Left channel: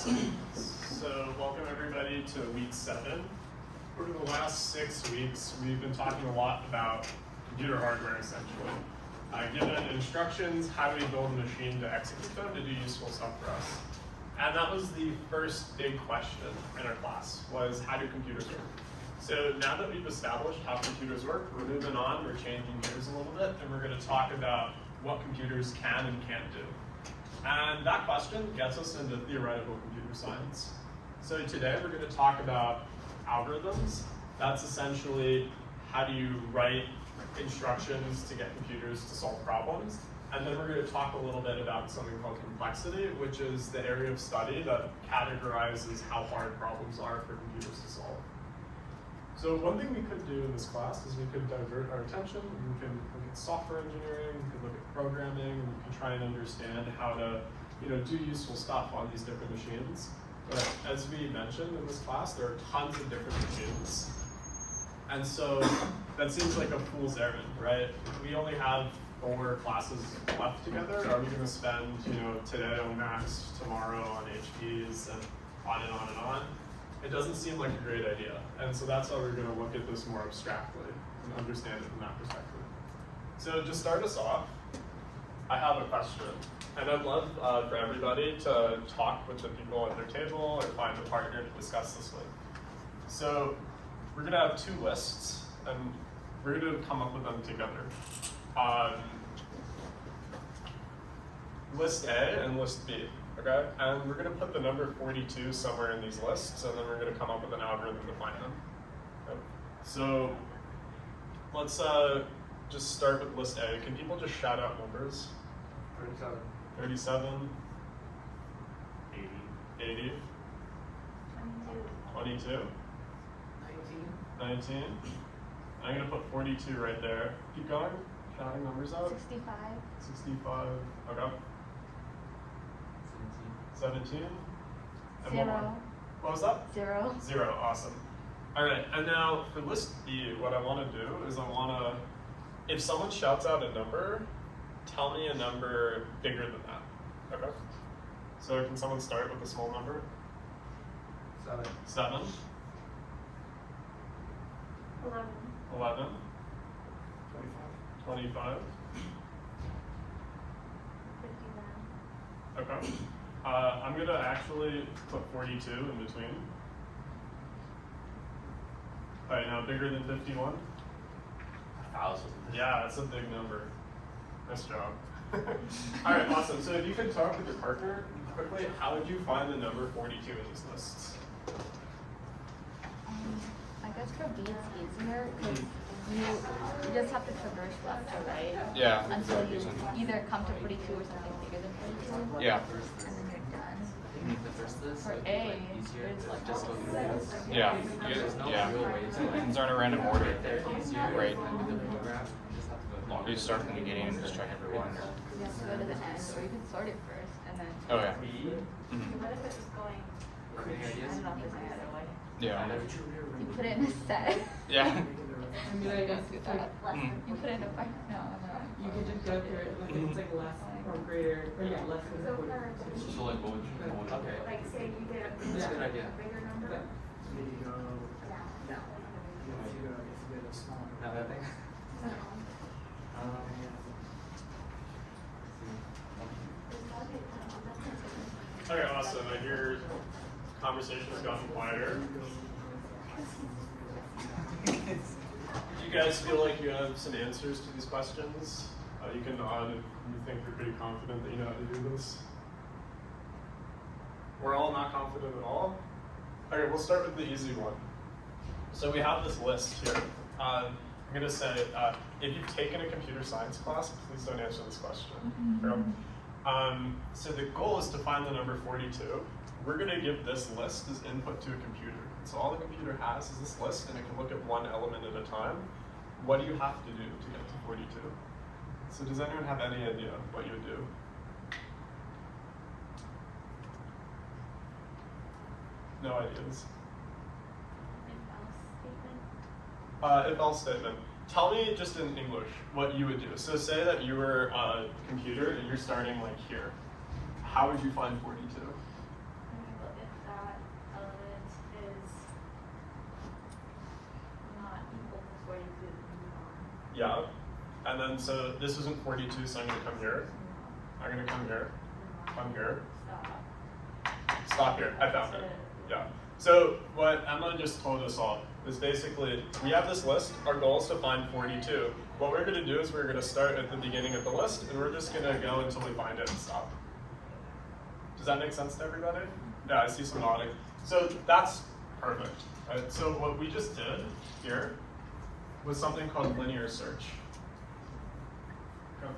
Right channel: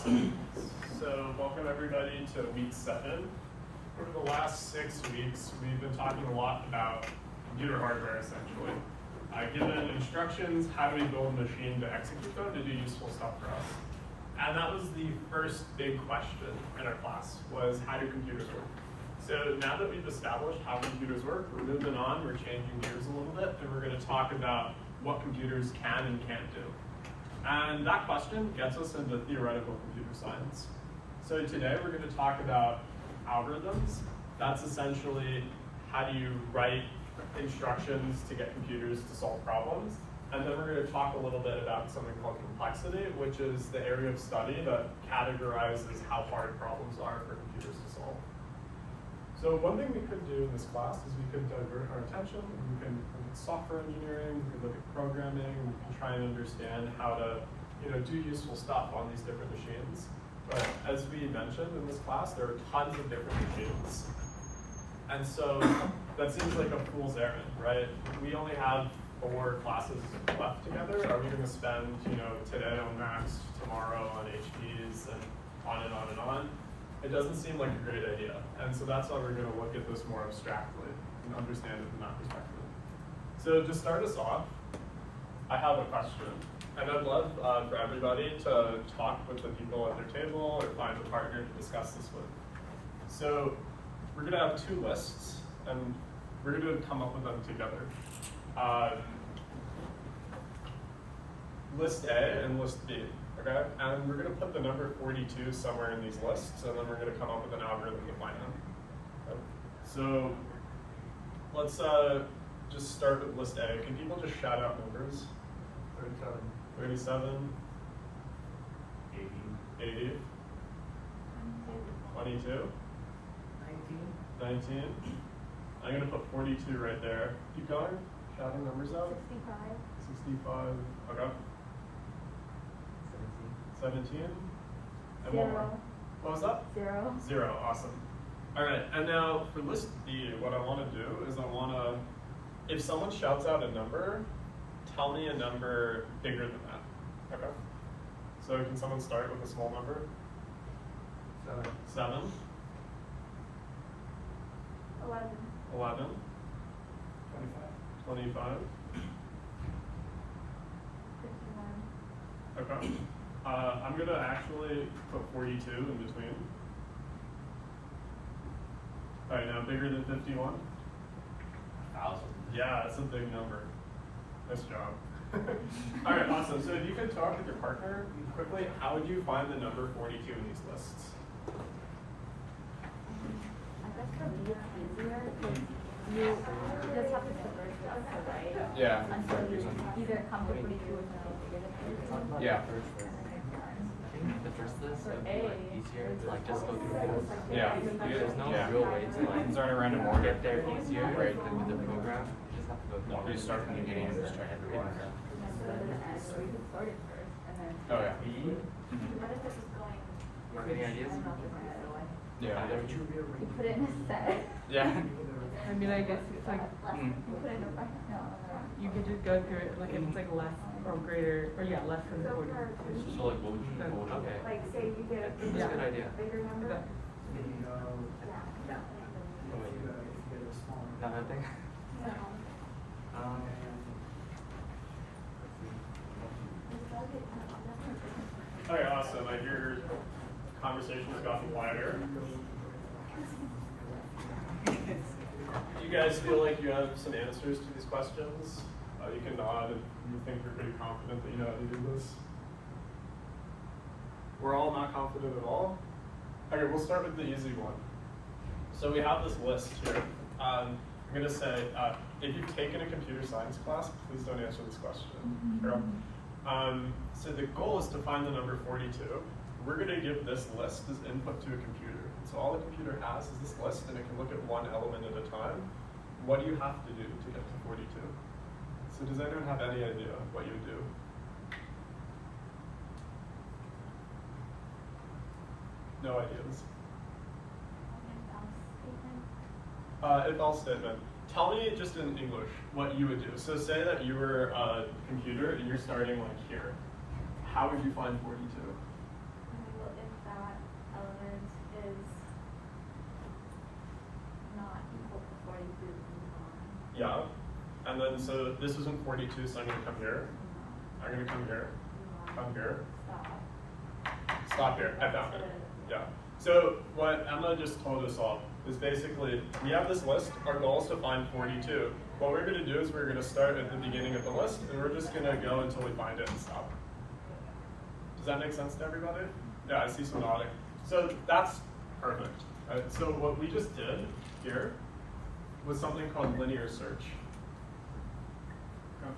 Awesome. So welcome everybody to week 7. For the last 6 weeks, we've been talking a lot about computer hardware, essentially. Given instructions, how do we build a machine to execute them to do useful stuff for us? And that was the first big question in our class, was how do computers work? So now that we've established how computers work, we're moving on, we're changing gears a little bit, and we're going to talk about what computers can and can't do. And that question gets us into theoretical computer science. So today we're going to talk about algorithms. That's essentially how do you write instructions to get computers to solve problems. And then we're going to talk a little bit about something called complexity, which is the area of study that categorizes how hard problems are for computers to solve. So one thing we could do in this class is we could divert our attention. We can look at software engineering, we could look at programming, and we can try and understand how to do useful stuff on these different machines. But as we mentioned in this class, there are tons of different machines. And so that seems like a fool's errand, right? We only have 4 classes left together. Are we going to spend today on Macs, tomorrow on HPs, and on and on and on? It doesn't seem like a great idea. And so that's why we're going to look at this more abstractly and understand it from that perspective. So to start us off, I have a question. And I'd love for everybody to talk with the people at their table or find a partner to discuss this with. So we're going to have 2 lists, and we're going to come up with them together. List A and list B. Okay, and we're going to put the number 42 somewhere in these lists, and then we're going to come up with an algorithm to find them. Okay. So let's just start with list A. Can people just shout out numbers? 37. 37. 80. 80. 22. 19. I'm going to put 42 right there. Keep going. Shouting numbers out. 65. 65. Okay. 17. And 0. What was that? 0. 0. Awesome. All right. And now for list B, what I want to do is if someone shouts out a number, tell me a number bigger than that. Okay. So can someone start with a small number? 7. 7. 11. 11. 25. 25. 51. Okay. I'm going to actually put 42 in between. All right, now bigger than 51? 1,000. Yeah, that's a big number. Nice job. All right, awesome. So if you could talk with your partner quickly, how would you find the number 42 in these lists? I guess for B it's easier because you just have to traverse left to right. Yeah. Until you either come to 42 or something bigger than 42. Yeah. And then you're done. I think the first list For would be A, easier it's to just go through this. Yeah. There's no Yeah. real way to Things are in a random order. get there easier Right. than with the program. You just have to go through. You start from the beginning and just try to You just go to the end, or you can sort it first and then. Oh yeah. B. What if it's just going? Any I ideas? don't know if there's any other way. Yeah. You put it in a set. Yeah. I mean, I guess it's like, You put it in a no. you could just go through it, like, it's like less or greater, or yeah, less than So 42. So like what would you okay. like say you get That's a good idea. a bigger number. Yeah. Maybe go. Yeah. If you get a small. Now that thing. Okay, awesome. I hear conversation has gotten quieter. You guys feel like you have some answers to these questions? You can nod if you think you're pretty confident that you know how to do this. We're all not confident at all? Okay, we'll start with the easy one. So we have this list here. I'm going to say, if you've taken a computer science class, please don't answer this question. So the goal is to find the number 42. We're going to give this list as input to a computer. So all the computer has is this list, and it can look at one element at a time. What do you have to do to get to 42? So does anyone have any idea what you would do? No ideas. If-else statement. Tell me just in English what you would do. So say that you were a computer and you're starting like here. How would you find 42? Yeah. And then, so this isn't 42, so I'm gonna come here. I'm gonna come here, come here. Stop here, I found it. Yeah. So what Emma just told us all is basically, we have this list, our goal is to find 42. What we're gonna do is we're gonna start at the beginning of the list, and we're just gonna go until we find it and stop. Does that make sense to everybody? Yeah, I see some nodding. So that's perfect. Right? So what we just did here was something called linear search. Okay.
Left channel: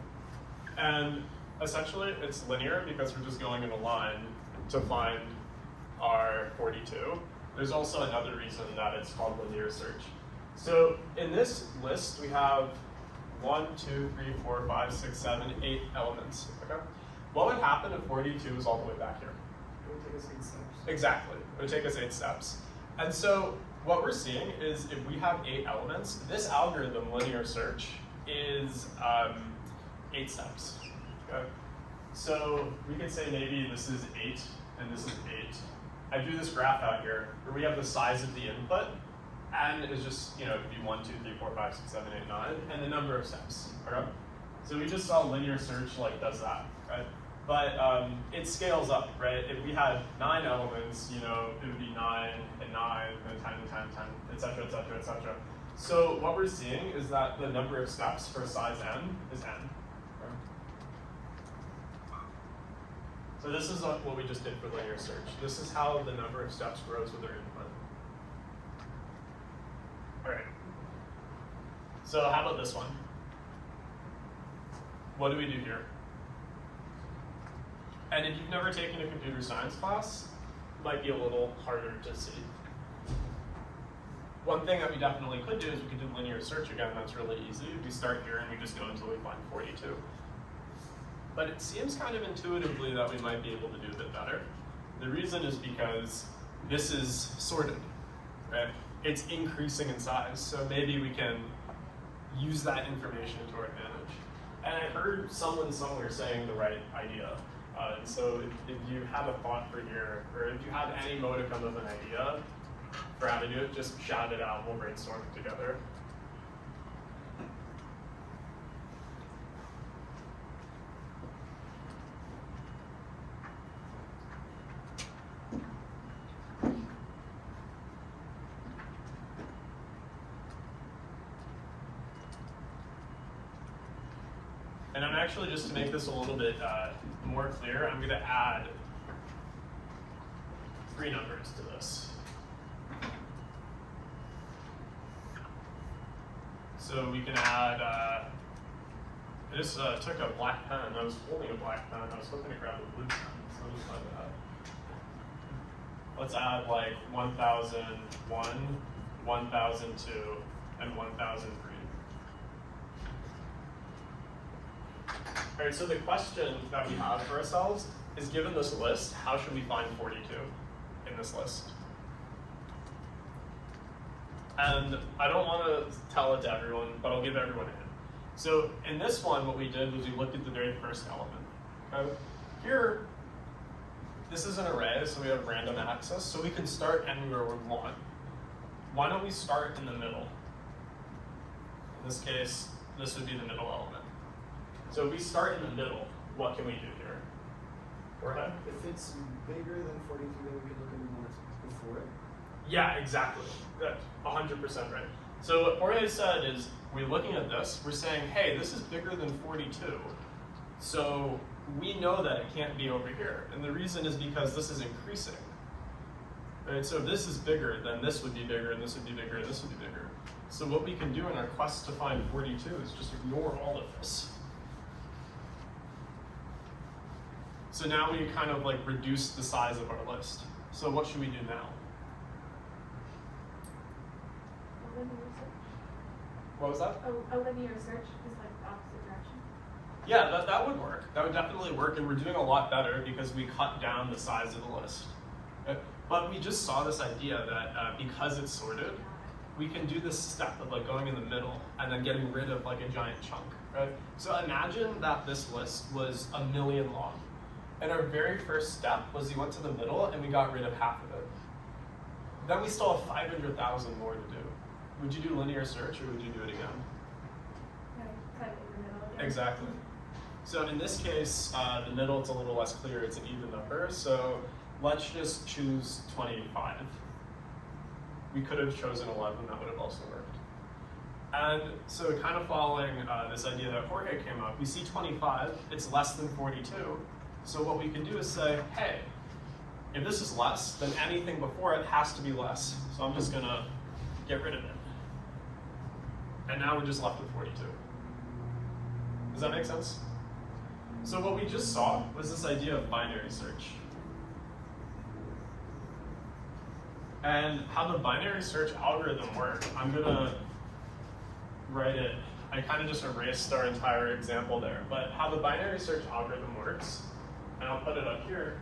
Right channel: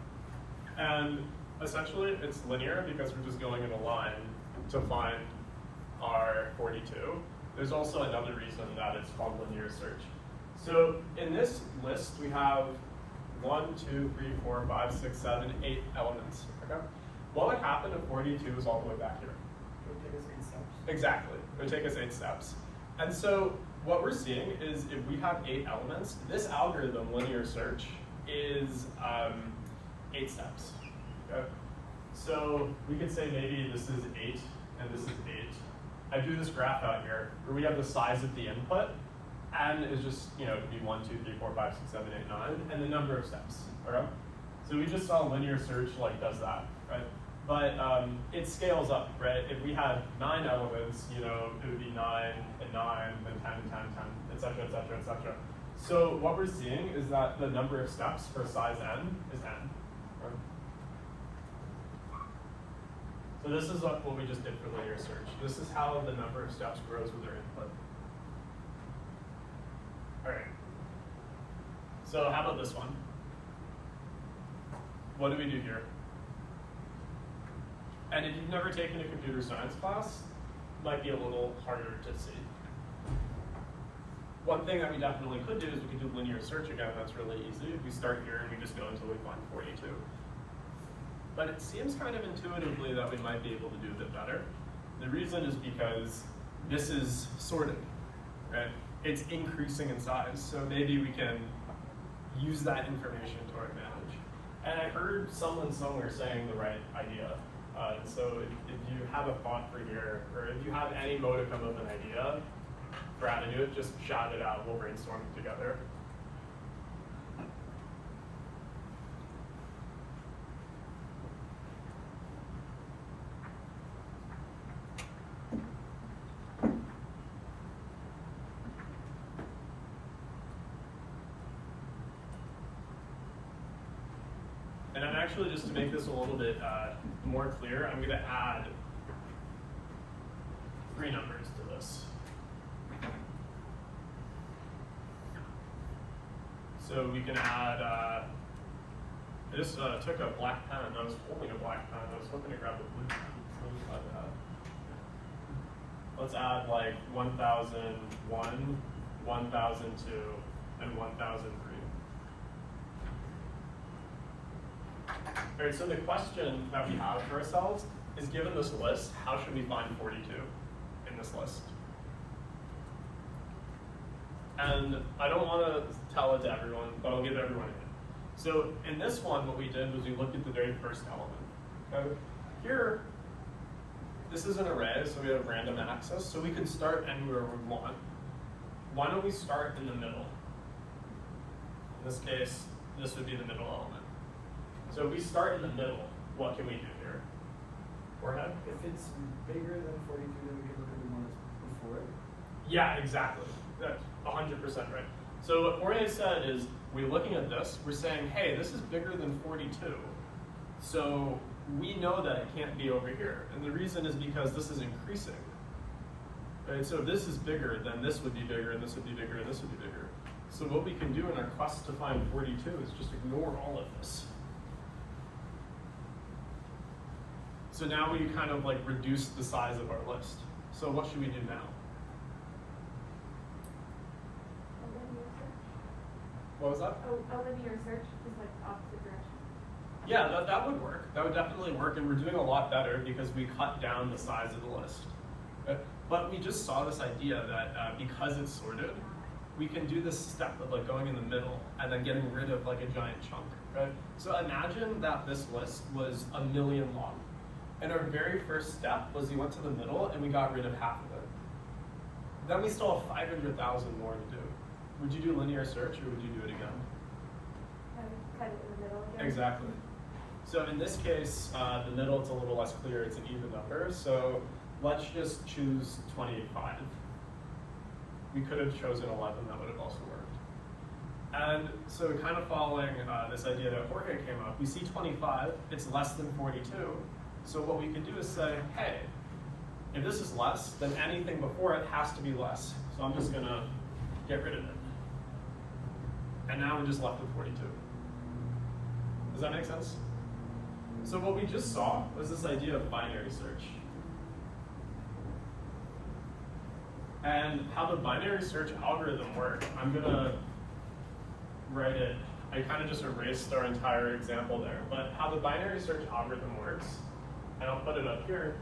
And essentially it's linear because we're just going in a line to find our 42. There's also another reason that it's called linear search. So in this list we have 1, 2, 3, 4, 5, 6, 7, 8 elements. Okay? What would happen if 42 was all the way back here? It would take us 8 steps. Exactly. It would take us 8 steps. And so what we're seeing is if we have 8 elements, this algorithm, linear search, is 8 steps. Okay? So we could say maybe this is 8 and this is 8. I drew this graph out here where we have the size of the input, and it's just, it could be 1, 2, 3, 4, 5, 6, 7, 8, 9, and the number of steps. Okay? So we just saw linear search does that, right? But it scales up, right? If we had 9 elements, it would be 9 and 9, then 10 and 10 and 10, et cetera, et cetera, et cetera. So what we're seeing is that the number of steps for size n is n. Right? So this is what we just did for linear search. This is how the number of steps grows with our input. All right. So how about this one? What do we do here? And if you've never taken a computer science class, it might be a little harder to see. One thing that we definitely could do is we could do linear search again. That's really easy. We start here and we just go until we find 42. But it seems kind of intuitively that we might be able to do a bit better. The reason is because this is sorted, right? It's increasing in size, so maybe we can use that information to our advantage. And I heard someone somewhere saying the right idea. So if you have a thought for here, or if you have any modicum of an idea for how to do it, just shout it out, we'll brainstorm it together. And I'm actually, just to make this a little bit more clear, I'm going to add 3 numbers to this. So we can add, I just took a black pen, I was holding a black pen, I was hoping to grab a blue pen, so let me find that. Let's add like 1001, 1002, and 1003. All right, so the question that we have for ourselves is, given this list, how should we find 42 in this list? And I don't want to tell it to everyone, but I'll give everyone a hint. So in this one, what we did was we looked at the very first element. Okay? Here, this is an array, so we have random access, so we can start anywhere we want. Why don't we start in the middle? In this case, this would be the middle element. So if we start in the middle, what can we do here? Jorge? If it's bigger than 42, then we can look at the ones before it. Yeah, exactly. That's 100% right. So what Jorge said is, we're looking at this, we're saying, hey, this is bigger than 42. So we know that it can't be over here. And the reason is because this is increasing. Right? So if this is bigger, then this would be bigger, and this would be bigger, and this would be bigger. So what we can do in our quest to find 42 is just ignore all of this. So now we kind of reduce the size of our list. So what should we do now? A linear search. What was that? A linear search is like the opposite direction. Yeah, that would work. That would definitely work, and we're doing a lot better because we cut down the size of the list. But we just saw this idea that because it's sorted, we can do this step of going in the middle and then getting rid of a giant chunk, right? So imagine that this list was 1 million long. And our very first step was we went to the middle and we got rid of half of it. Then we still have 500,000 more to do. Would you do linear search or would you do it again? kind of in the middle again. Exactly. So in this case, the middle, it's a little less clear. It's an even number. So let's just choose 25. We could have chosen 11. That would have also worked. And so kind of following this idea that Jorge came up, we see 25. It's less than 42. So what we can do is say, hey, if this is less, then anything before it has to be less. So I'm just going to get rid of it. And now we're just left with 42. Does that make sense? So what we just saw was this idea of binary search. And how the binary search algorithm works, I'm going to write it. I kind of just erased our entire example there. But how the binary search algorithm works, and I'll put it up here,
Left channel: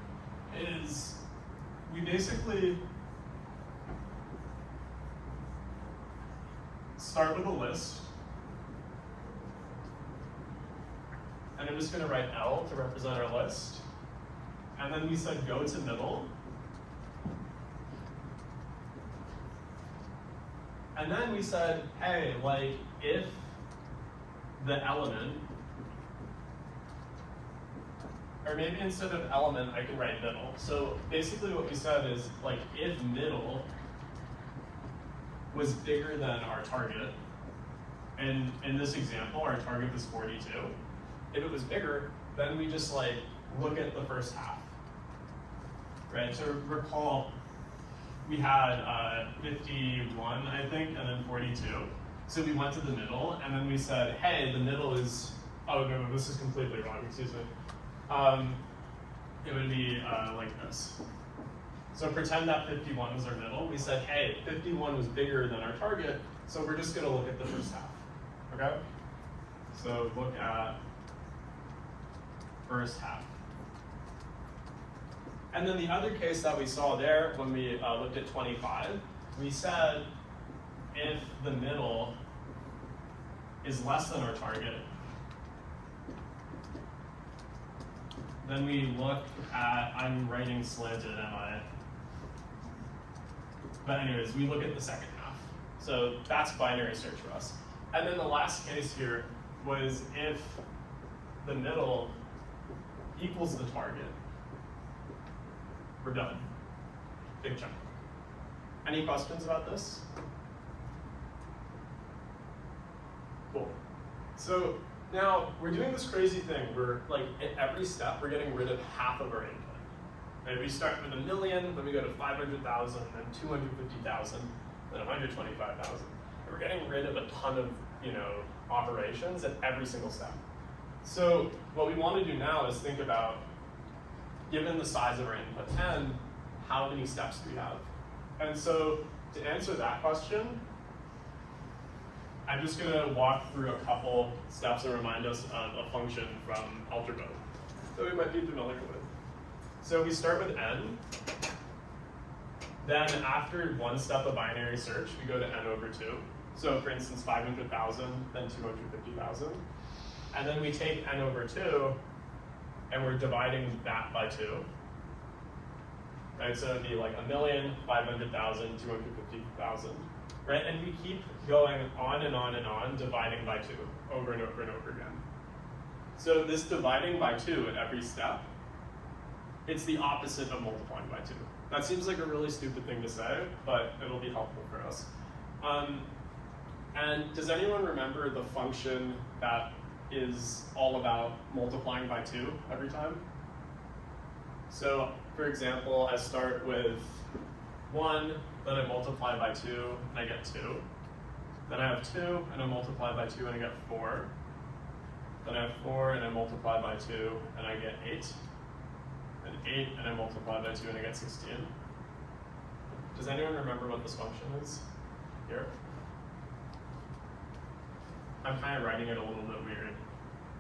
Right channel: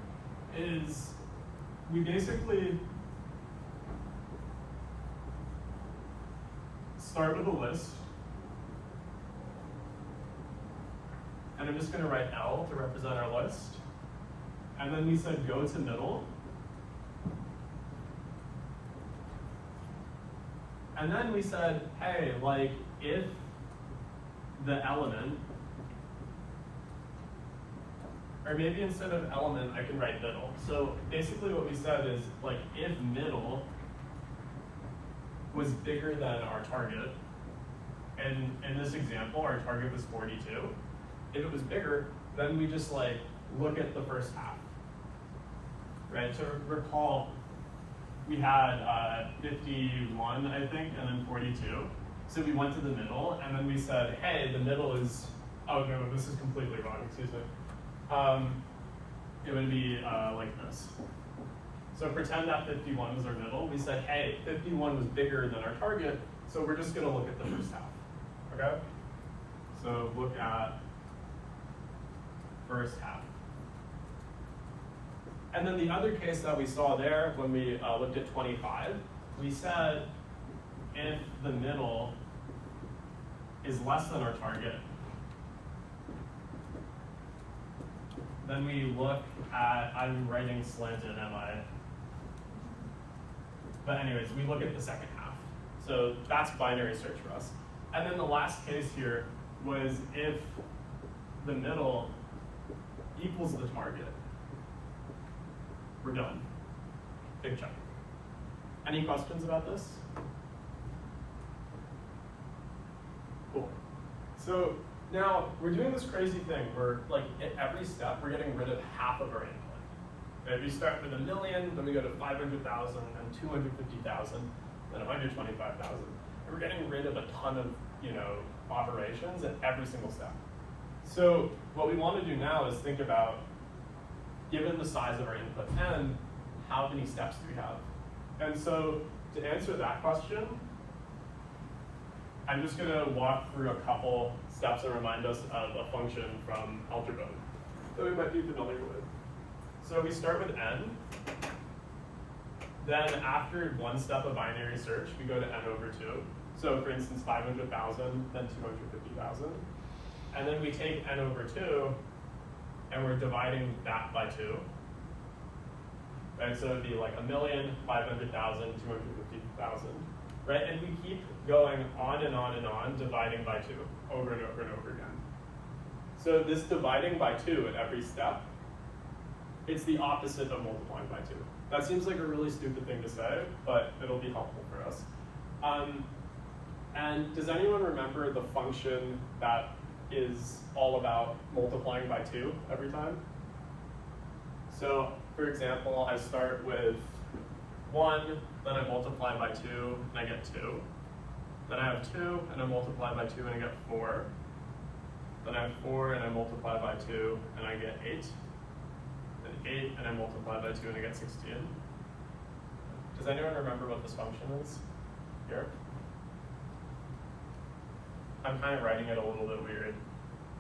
is we basically start with a list. And I'm just going to write L to represent our list. And then we said go to middle. And then we said, hey, like if the element, or maybe instead of element, I can write middle. So basically what we said is, like, if middle was bigger than our target, and in this example, our target was 42. If it was bigger, then we just like look at the first half, right? So recall, we had 51, I think, and then 42. So we went to the middle, and then we said, hey, the middle is, oh no, this is completely wrong, excuse me. It would be like this. So pretend that 51 was our middle. We said, hey, 51 was bigger than our target, so we're just gonna look at the first half, okay? So look at first half. And then the other case that we saw there when we looked at 25, we said if the middle is less than our target, then we look at, I'm writing slanted, am I? But anyways, we look at the second half. So that's binary search for us. And then the last case here was if the middle equals the target. We're done. Big chunk. Any questions about this? Cool. So now we're doing this crazy thing where, like, at every step we're getting rid of half of our input. Right? We start with 1 million, then we go to 500,000, then 250,000, then 125,000. We're getting rid of a ton of, operations at every single step. So what we want to do now is think about, given the size of our input 10, how many steps do we have? And so to answer that question, I'm just going to walk through a couple steps and remind us of a function from algebra that we might be familiar with. So we start with n. Then after one step of binary search, we go to n over 2. So for instance, 500,000 and 250,000. And then we take n over 2, and we're dividing that by 2. Right? So it would be like 1,500,000, 250,000. Right? And we keep going on and on and on, dividing by 2, over and over and over again. So this dividing by 2 at every step, it's the opposite of multiplying by 2. That seems like a really stupid thing to say, but it'll be helpful for us. And does anyone remember the function that is all about multiplying by 2 every time? So, for example, I start with 1, then I multiply by 2, and I get 2. Then I have 2, and I multiply by 2, and I get 4. Then I have 4, and I multiply by 2, and I get 8. Then 8, and I multiply by 2, and I get 16. Does anyone remember what this function is? Here? I'm kind of writing it a little bit weird.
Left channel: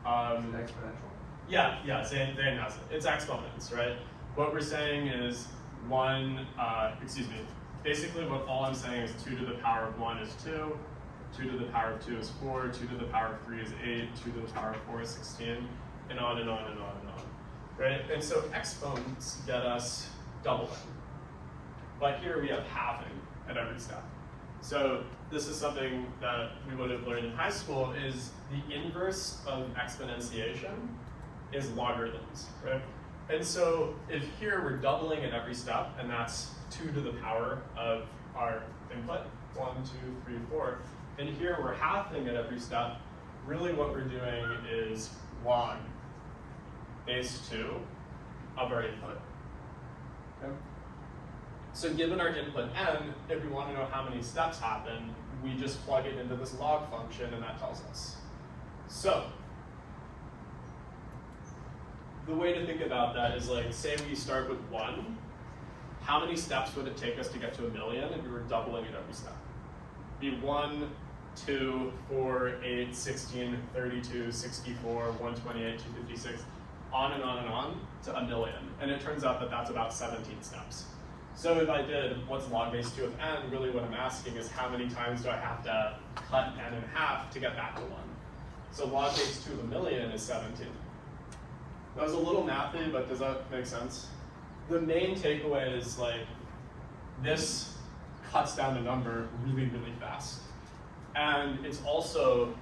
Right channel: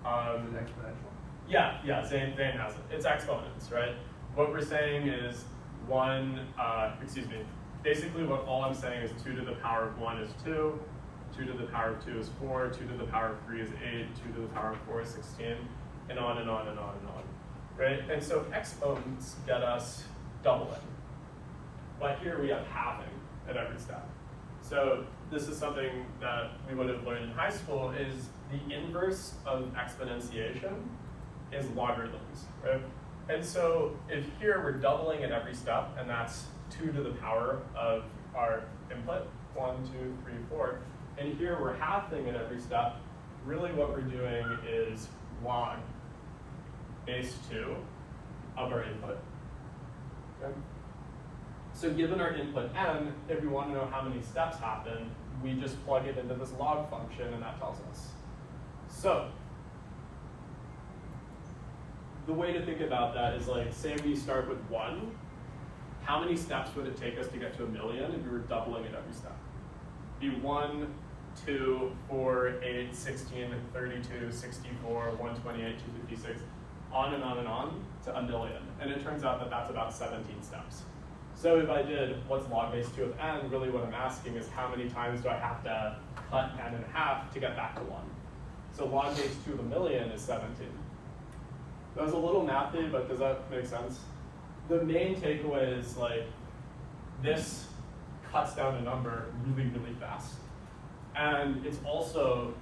Exponential? Yeah, Zane has it. It's exponents, right? What we're saying is basically what all I'm saying is 2 to the power of 1 is 2, 2 to the power of 2 is 4, 2 to the power of 3 is 8, 2 to the power of 4 is 16, and on and on and on and on, right? And so exponents get us doubling. But here we have halving at every step. So this is something that we would have learned in high school, is the inverse of exponentiation is logarithms, right? And so if here we're doubling at every step, and that's 2 to the power of our input, 1, 2, 3, 4, and here we're halving at every step, really what we're doing is log base 2 of our input. Okay? So given our input n, if we want to know how many steps happen, we just plug it into this log function and that tells us. So the way to think about that is like, say we start with 1, how many steps would it take us to get to 1,000,000 if we were doubling at every step? Be 1, 2, 4, 8, 16, 32, 64, 128, 256, on and on and on to 1,000,000. And it turns out that that's about 17 steps. So if I did what's log base 2 of n, really what I'm asking is how many times do I have to cut n in half to get back to 1? So log base 2 of 1,000,000 is 17. That was a little mathy, but does that make sense? The main takeaway is like, this cuts down the number really, really fast. And it's also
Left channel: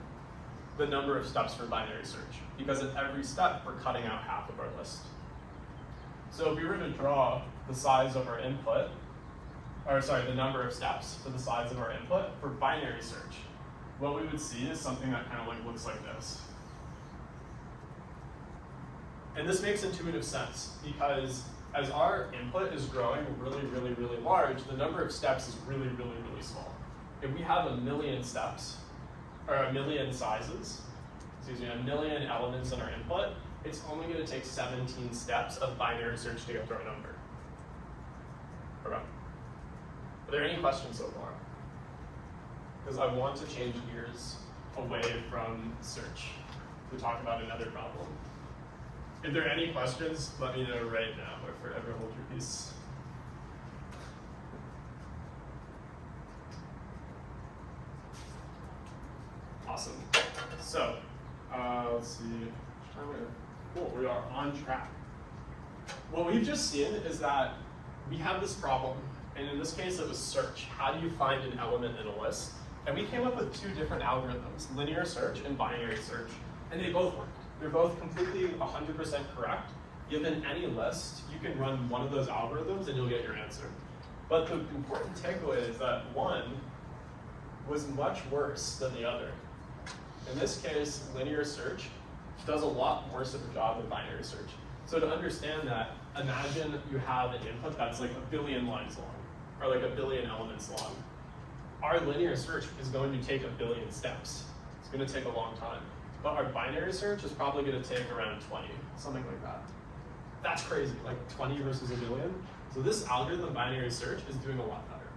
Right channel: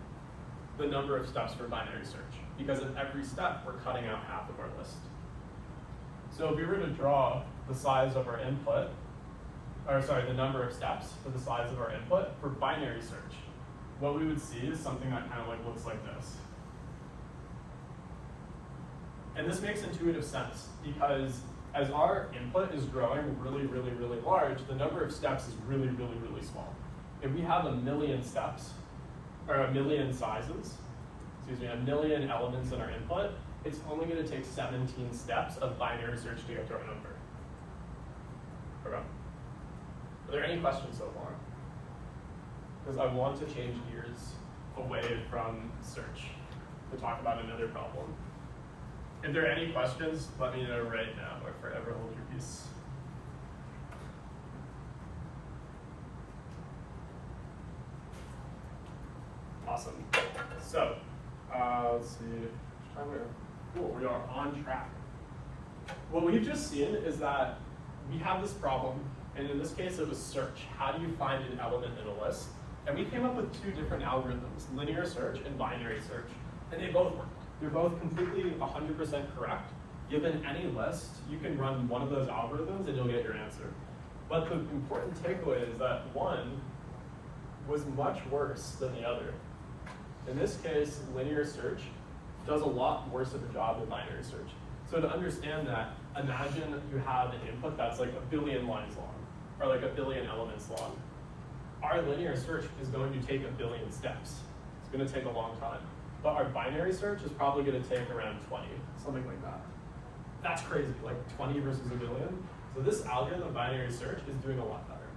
the number of steps for binary search, because at every step, we're cutting out half of our list. So if we were to draw the size of our input, or sorry, the number of steps for the size of our input for binary search, what we would see is something that kind of like looks like this. And this makes intuitive sense, because as our input is growing really, really, really large, the number of steps is really, really, really small. If we have 1,000,000 steps, or 1,000,000 sizes, excuse me, 1,000,000 elements in our input, it's only going to take 17 steps of binary search to get to our number. Okay. Are there any questions so far? Because I want to change gears away from search to talk about another problem. If there are any questions, let me know right now, or forever hold your peace. Awesome. So, let's see. Cool, we are on track. What we've just seen is that we have this problem, and in this case it was search. How do you find an element in a list? And we came up with 2 different algorithms, linear search and binary search, and they both work. They're both completely 100% correct. Given any list, you can run one of those algorithms and you'll get your answer. But the important takeaway is that one was much worse than the other. In this case, linear search does a lot worse of a job than binary search. So to understand that, imagine you have an input that's like 1 billion lines long, or like 1 billion elements long. Our linear search is going to take 1 billion steps. It's going to take a long time. But our binary search is probably going to take around 20, something like that. That's crazy, like 20 versus 1 billion. So this algorithm, binary search, is doing a lot better.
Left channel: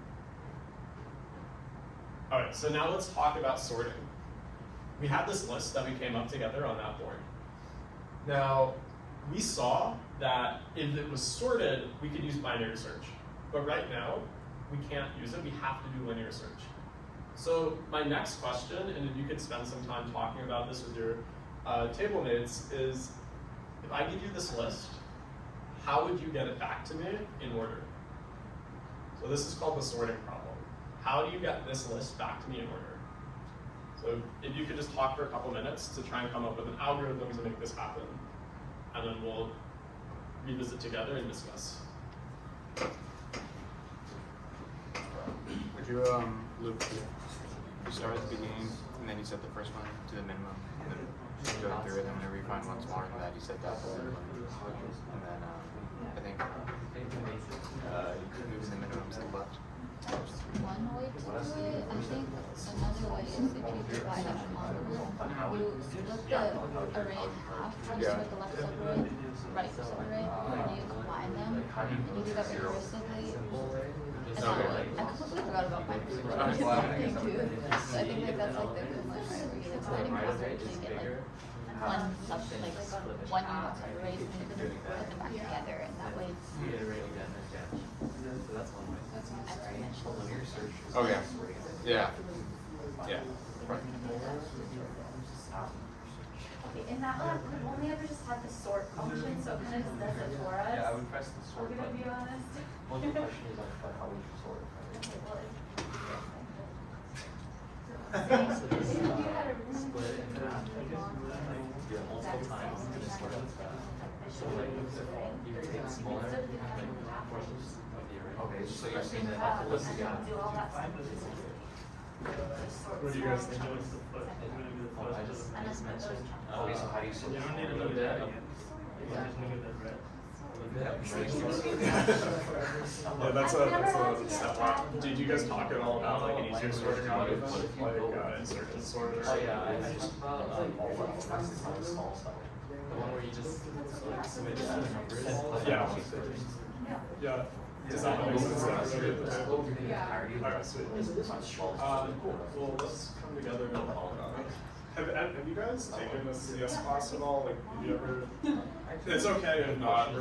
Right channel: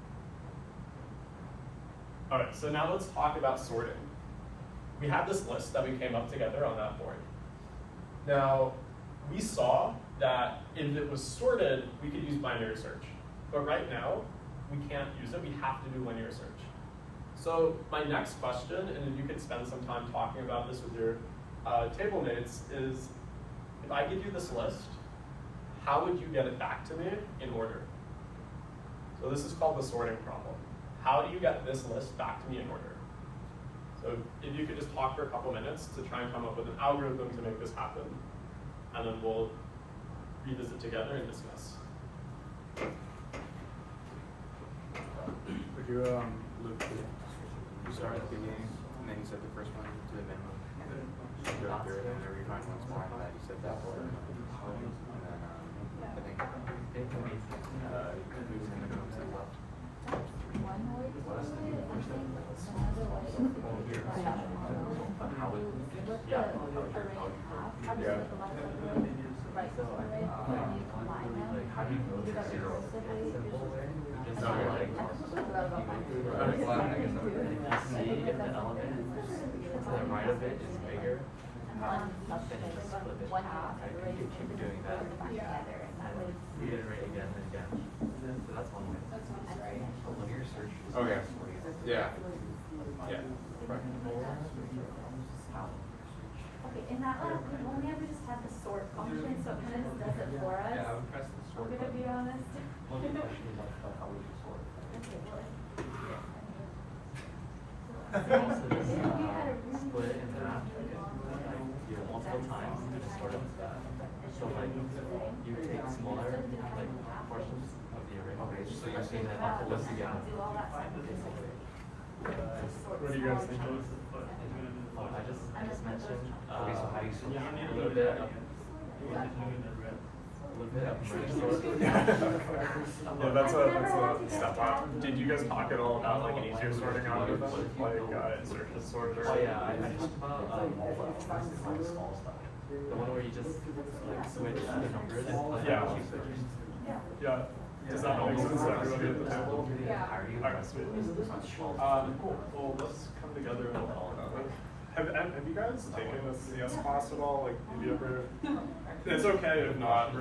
All right, so now let's talk about sorting. We have this list that we came up together on that board. Now, we saw that if it was sorted, we could use binary search. But right now, we can't use it. We have to do linear search. So my next question, and you can spend some time talking about this with your table mates, is if I give you this list, how would you get it back to me in order? So this is called the sorting problem. How do you get this list back to me in order? So if you could just talk for a couple minutes to try and come up with an algorithm to make this happen, and then we'll revisit together and discuss. Would you loop you start at the beginning and then you set the first one to the minimum, and then you go through it, and whenever you find one smaller than that, you set that one, and then I think moves the minimum to the left. One way to do it, I think another way is if you divide up the model, you split the array in half, you split the left array, right array, and you combine them, and you do that recursively. And then, I completely forgot about my too. So I think like that's like the combining process, you get like one array to put them together, and that way it's Oh yeah. Yeah. Yeah. Okay, in that one, we've only ever just had the sort function, so it kind of just does it for us. Yeah, I would press the sort I'm gonna button. be honest. Well, the question is like, how would you sort? Okay, well, also just split in half, do it multiple times, and just sort of stuff. So like, you take smaller like portions of the original page, so you're seeing it have to list again. What do you guys think? I just mentioned, so how do you sort a little bit of merge sort? Yeah, that's a step up. Did you guys talk at all about like an easier sorting algorithm, like insertion sorter? Oh yeah, I just about first is like the small stuff. The one where you just like switch the numbers. Yeah. Yeah. Does that make sense? Alright, sweet. Well, let's come together and talk about it. Have you guys taken a CS class at all? Like, have you ever? It's okay if not.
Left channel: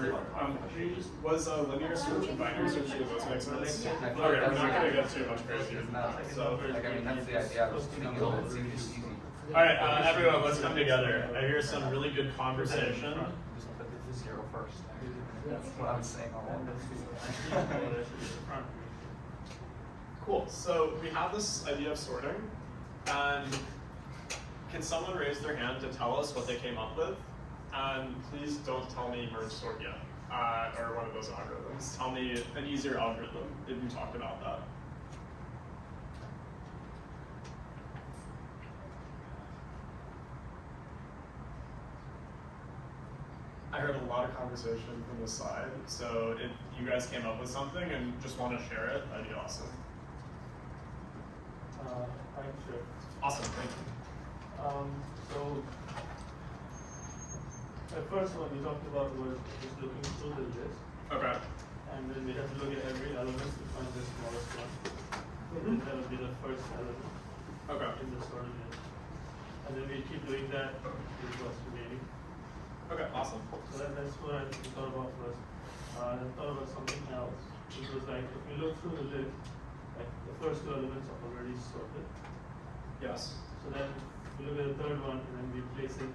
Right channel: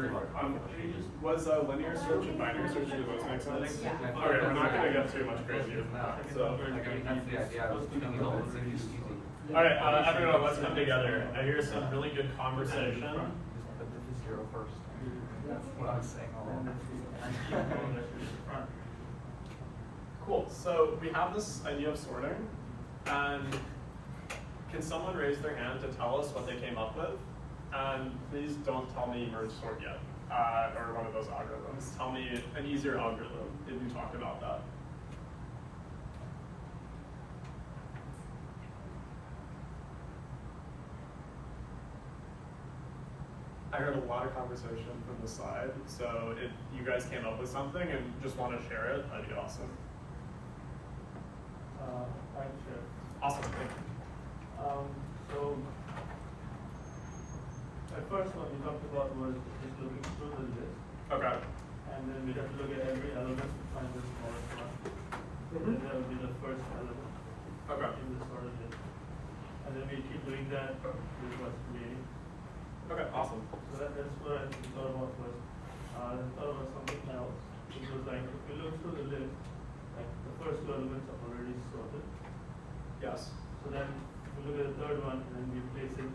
Was linear search and binary search, do those make sense? Okay, we're not going to get too much crazier than that. So, Like, I mean, that's the idea. I was thinking of it seems easy. alright, everyone, let's come together. I hear some really good conversation. Just put the 0 first. That's what I was saying all along. Cool. So we have this idea of sorting, and can someone raise their hand to tell us what they came up with? And please don't tell me merge sort yet, or one of those algorithms. Tell me an easier algorithm if we talked about that. I heard a lot of conversation from the side, so if you guys came up with something and just want to share it, that'd be awesome. I'm sure. Awesome, thank you. So the first one we talked about was just looking through the list, Okay. and then we have to look at every element to find the smallest one. And then that would be the first element Okay. in the sorted list. And then we keep doing that till it was creating. Okay, awesome. So that's what I thought about first. I thought about something else. It was like if we look through the list, like the first 2 elements are already sorted. Yes. So then we look at the third one and then we place it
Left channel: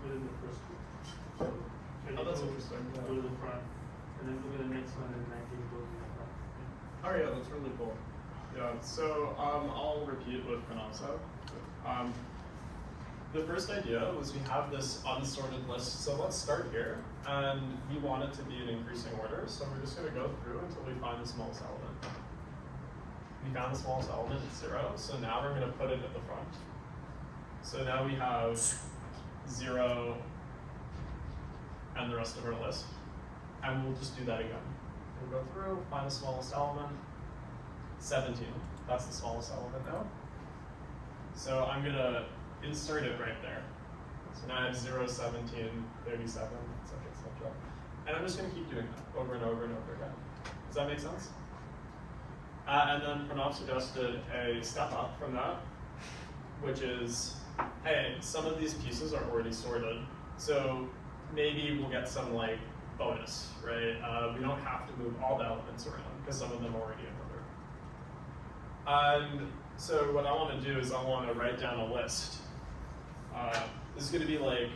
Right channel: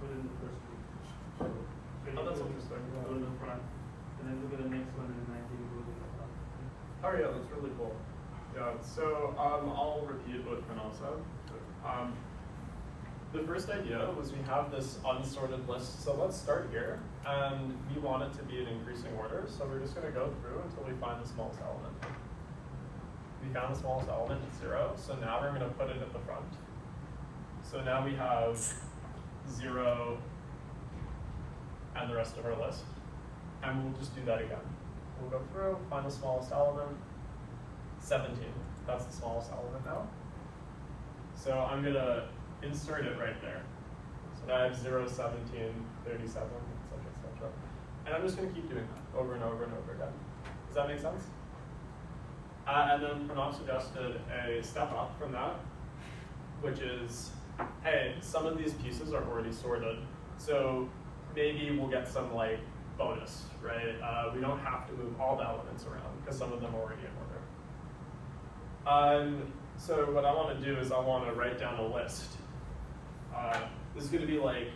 within the first 2. So Oh, that's interesting. Go to the front, and then look at the next one and 19 goes in the front. Oh yeah, that's really cool. Yeah, so I'll repeat what Pranav said. The first idea was we have this unsorted list, so let's start here, and we want it to be in increasing order, so we're just going to go through until we find the smallest element. We found the smallest element at 0, so now we're going to put it at the front. So now we have 0 and the rest of our list, and we'll just do that again. We'll go through, find the smallest element, 17. That's the smallest element now. So I'm going to insert it right there. So now I have 0, 17, 37, etc., etc. And I'm just going to keep doing that over and over and over again. Does that make sense? And then Pranav suggested a step up from that, which is, hey, some of these pieces are already sorted, so maybe we'll get some like bonus, right? We don't have to move all the elements around because some of them are already in order. And so what I want to do is I want to write down a list. This is going to be like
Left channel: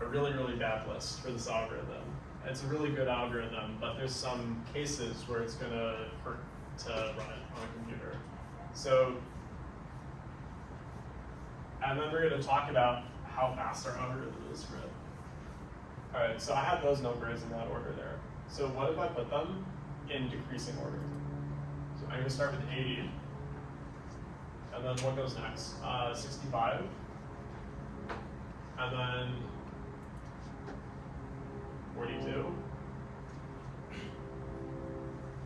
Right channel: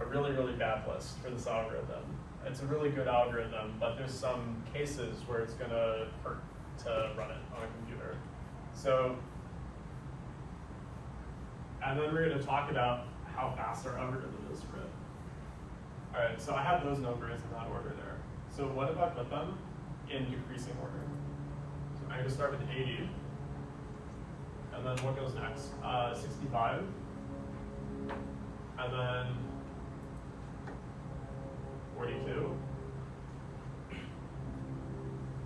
a really, really bad list for this algorithm. It's a really good algorithm, but there's some cases where it's going to hurt to run it on a computer. So, and then we're going to talk about how fast our algorithm is for it. All right, so I have those numbers in that order there. So what if I put them in decreasing order? So I'm going to start with 80. And then what goes next? 65. And then 42.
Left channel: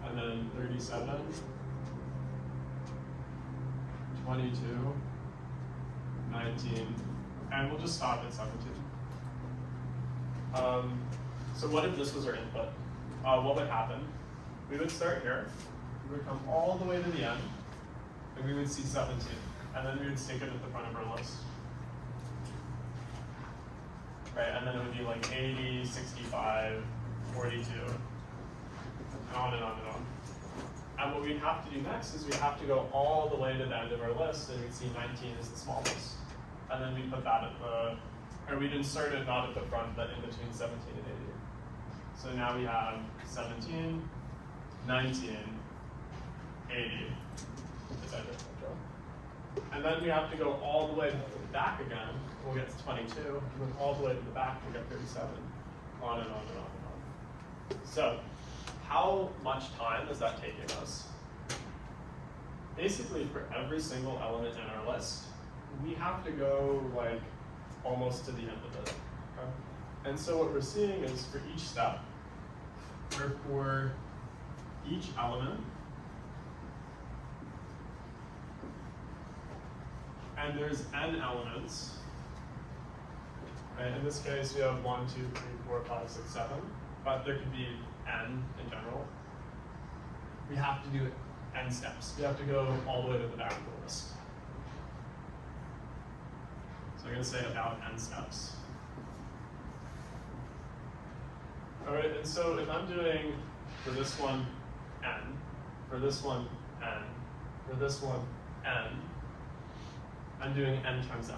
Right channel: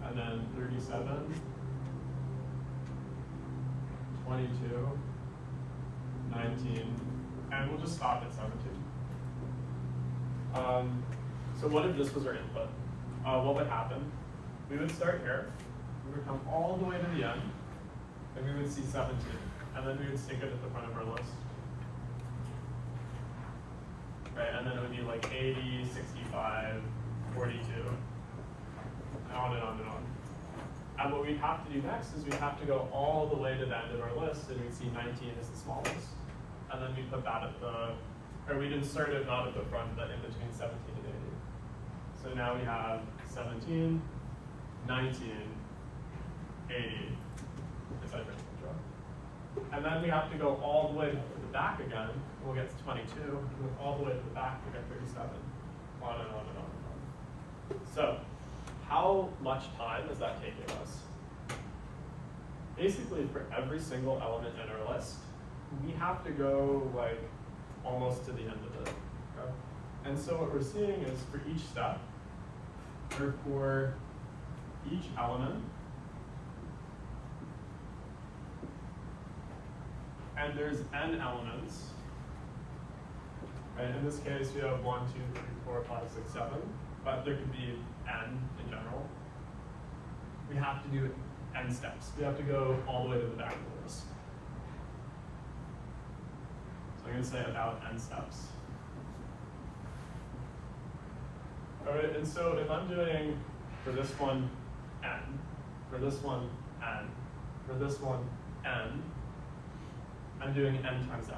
And then 37. 22. 19. And we'll just stop at 17. So what if this was our input? What would happen? We would start here. We would come all the way to the end. And we would see 17. And then we would stick it at the front of our list. Right, and then it would be like 80, 65, 42, and on and on and on. And what we'd have to do next is we'd have to go all the way to the end of our list, and we'd see 19 is the smallest. And then we'd put that at the, or we'd insert it not at the front, but in between 17 and 80. So now we have 17, 19, 80, etc. And then we have to go all the way to the back again. We'll get to 22. Move all the way to the back, we'll get 37. On and on and on and on. So, how much time is that taking us? Basically, for every single element in our list, we have to go like almost to the end of it. Okay? And so what we're seeing is for each step, or for each element, and there's n elements. And in this case, we have 1, 2, 3, 4, 5, 6, 7, but there could be n in general. We have to do n steps. We have to go all the way to the back of the list. So I'm going to say about n steps. All right, and so if I'm doing for this one n, for this one n, for this one n, I'm doing n times n.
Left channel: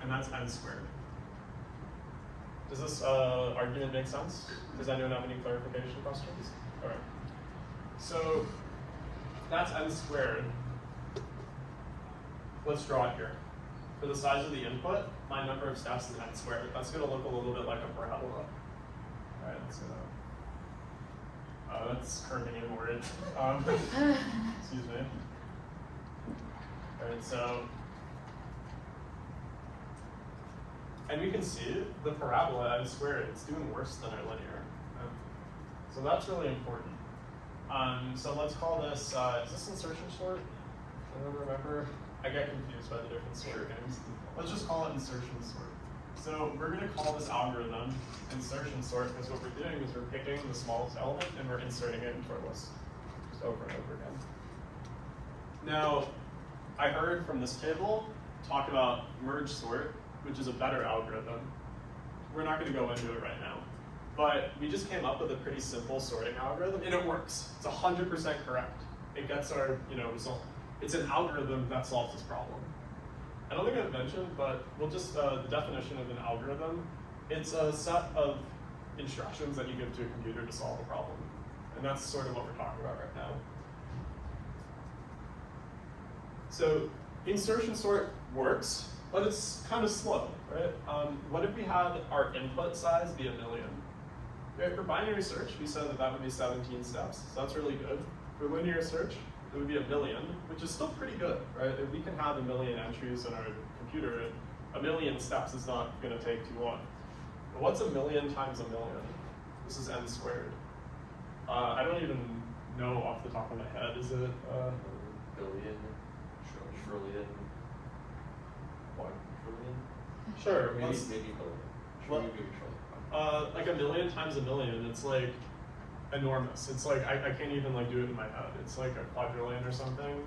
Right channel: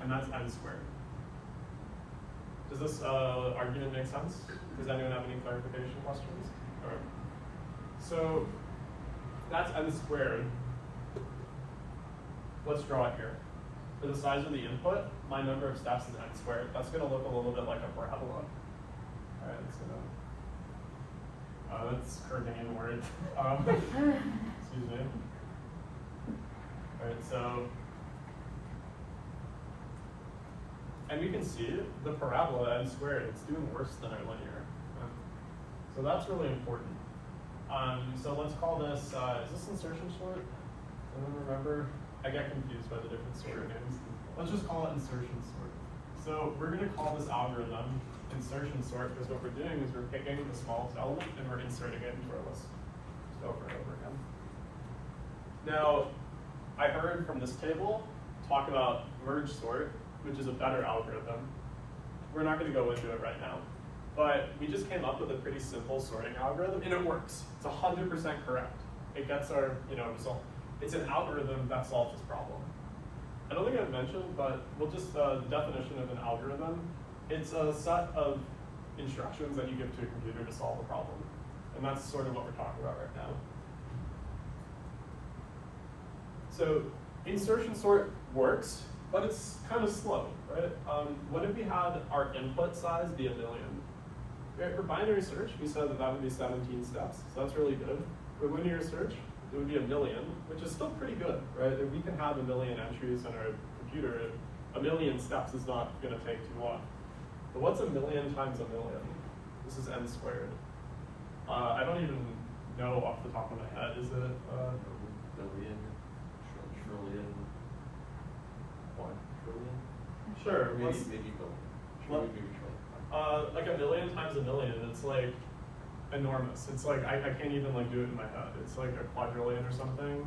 And that's n squared. Does this argument make sense? Does anyone have any clarification questions? Okay. So that's n squared. Let's draw it here. For the size of the input, my number of steps is n squared. That's going to look a little bit like a parabola. All right, it's going to. That's her name word. Excuse me. All right, so. And we can see the parabola n squared, it's doing worse than our linear. So that's really important. So let's call this, is this insertion sort? Anyone remember? I get confused by the different sort names. Let's just call it insertion sort. So we're gonna call this algorithm insertion sort because what we're doing is we're picking the smallest element and we're inserting it into our list. Just over and over again. Now, I heard from this table talk about merge sort, which is a better algorithm. We're not going to go into it right now. But we just came up with a pretty simple sorting algorithm, and it works. It's 100% correct. It gets our result. It's an algorithm that solves this problem. I don't think I've mentioned, but we'll just, the definition of an algorithm, it's a set of instructions that you give to a computer to solve a problem. And that's sort of what we're talking about right now. So insertion sort works, but it's kind of slow, right? What if we had our input size be 1 million? Right, for binary search, we said that would be 17 steps, so that's really good. For linear search, it would be 1 million, which is still pretty good, right? If we can have 1 million entries on our computer, 1 million steps is not going to take too long. But what's 1 million times 1 million? This is n squared. I don't even know off the top of my head. Is it Billion, trillion, quadrillion? Sure. Maybe let's- billion. let- Maybe trillion. like 1 million times 1 million, it's like enormous. It's like, I can't even like do it in my head. It's like a quadrillion or something.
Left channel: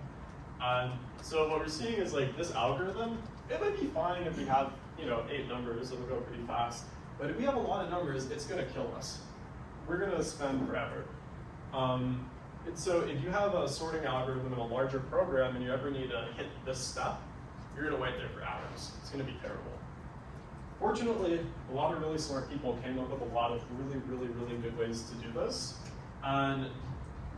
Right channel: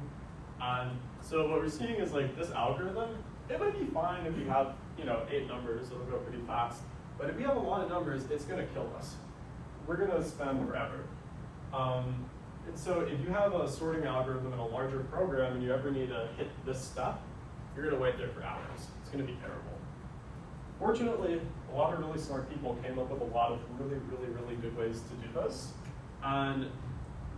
And so what we're seeing is like this algorithm, it might be fine if we have, 8 numbers, it'll go pretty fast. But if we have a lot of numbers, it's gonna kill us. We're gonna spend forever. And so if you have a sorting algorithm in a larger program and you ever need to hit this step, you're gonna wait there for hours. It's gonna be terrible. Fortunately, a lot of really smart people came up with a lot of really, really, really good ways to do this. And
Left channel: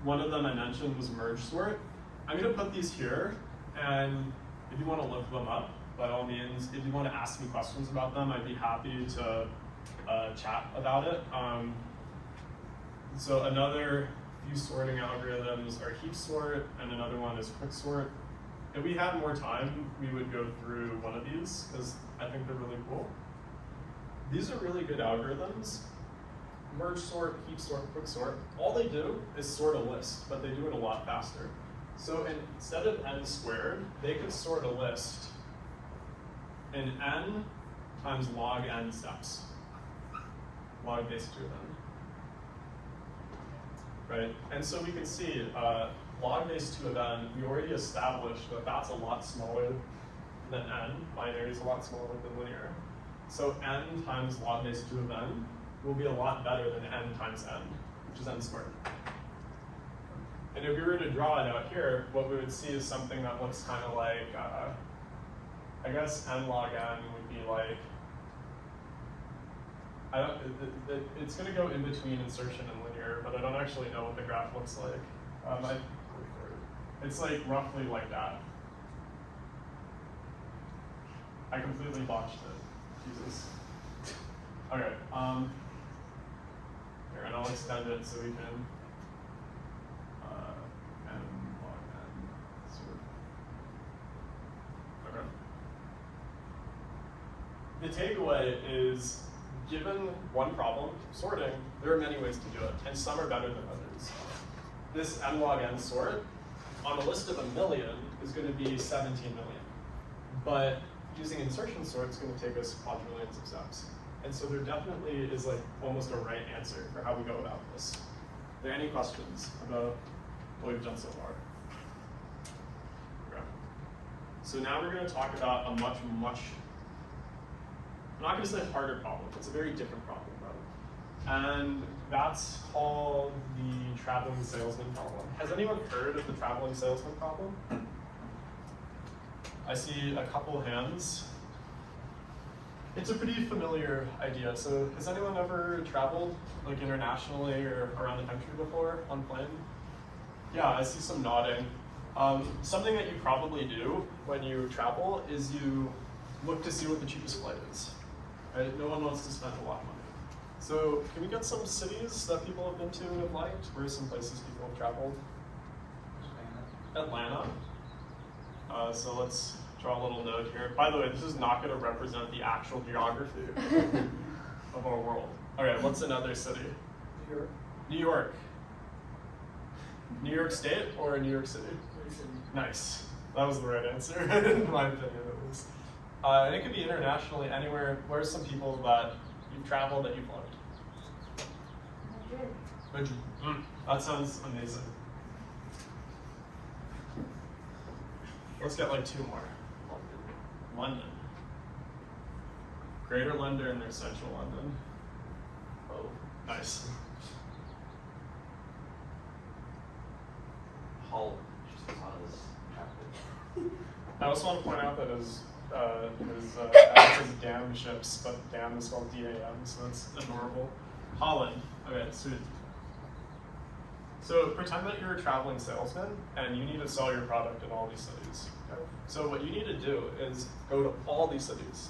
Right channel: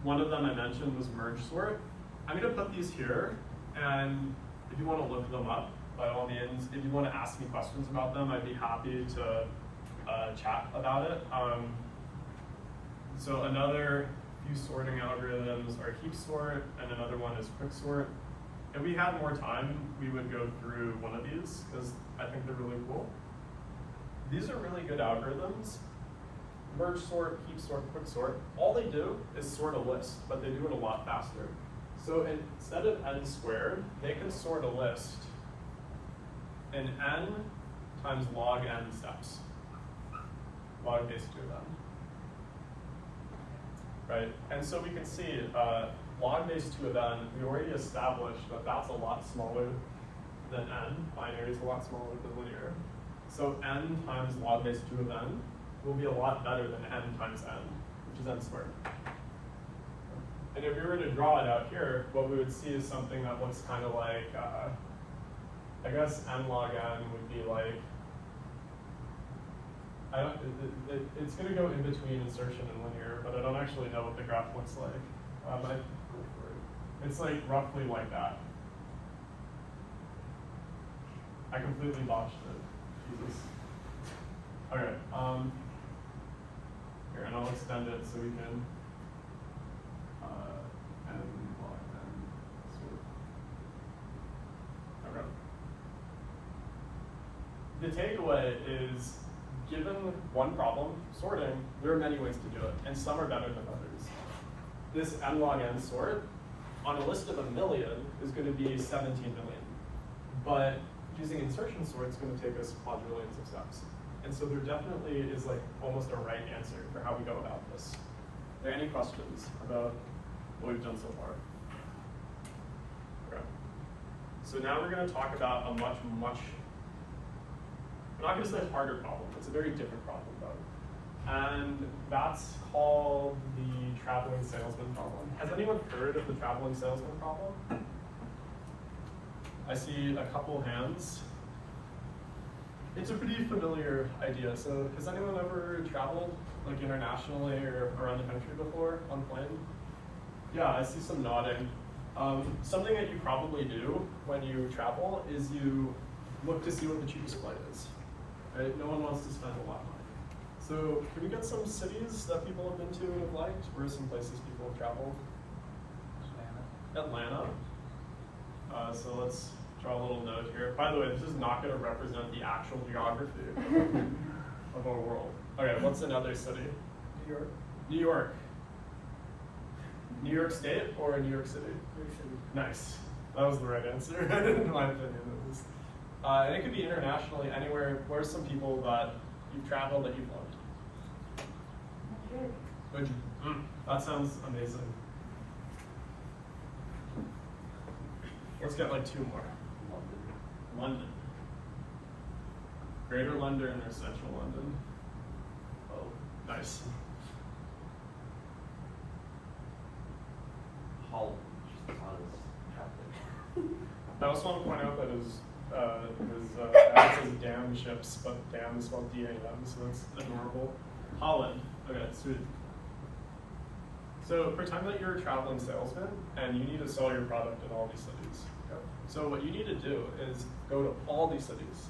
one of them I mentioned was merge sort. I'm gonna put these here, and if you wanna look them up, by all means, if you wanna ask me questions about them, I'd be happy to chat about it. So another few sorting algorithms are heap sort, and another one is quick sort. If we had more time, we would go through one of these, because I think they're really cool. These are really good algorithms. Merge sort, heap sort, quick sort. All they do is sort a list, but they do it a lot faster. So instead of n squared, they can sort a list in n times log n steps. Log base 2 of n. Right? And so we can see log base 2 of n, we already established that that's a lot smaller than n. Binary is a lot smaller than linear. So n times log base 2 of n will be a lot better than n times n, which is n squared. And if we were to draw it out here, what we would see is something that looks kind of like, I guess n log n would be like, it's going to go in between insertion and linear, but I don't actually know what the graph looks like. It's like roughly like that. I completely botched it. Jesus. Okay. Here, and I'll extend it so we can. Okay. The takeaway is, given one problem, sorting, there are many ways to do it, and some are better than others. This n log n sort, on a list of 1 million, is going to be 17 million. But using insertion sort is going to take us quadrillions of steps. And so there definitely is like almost a right answer for how we go about this. Are there any questions about what we've done so far? Okay. So now we're going to talk about a much, I'm not going to say harder problem. It's a very different problem though. And that's called the traveling salesman problem. Has anyone heard of the traveling salesman problem? I see a couple hands. It's a pretty familiar idea. So has anyone ever traveled like internationally or around the country before on plane? Yeah, I see some nodding. Something that you probably do when you travel is you look to see what the cheapest flight is. Right? No one wants to spend a lot of money. So can we get some cities that people have been to and have liked? Where are some places people have traveled? Atlanta. So let's draw a little note here. By the way, this is not going to represent the actual geography of our world. Okay, what's another city? New York. New York. New York State or New York City? New York City. Nice. That was the right answer, in my opinion at least. And it could be internationally, anywhere. Where's some people that you've traveled that you've loved? Madrid. Madrid. That sounds amazing. Let's get like 2 more. London. Greater London or Central London? Oh, nice. Holland, just because traffic. I also want to point out that his says dam ships, but dam is spelled D-A-M, so it's adorable. Holland. Okay, sweet. So pretend that you're a traveling salesman and you need to sell your product in all these cities. Okay? So what you need to do is go to all these cities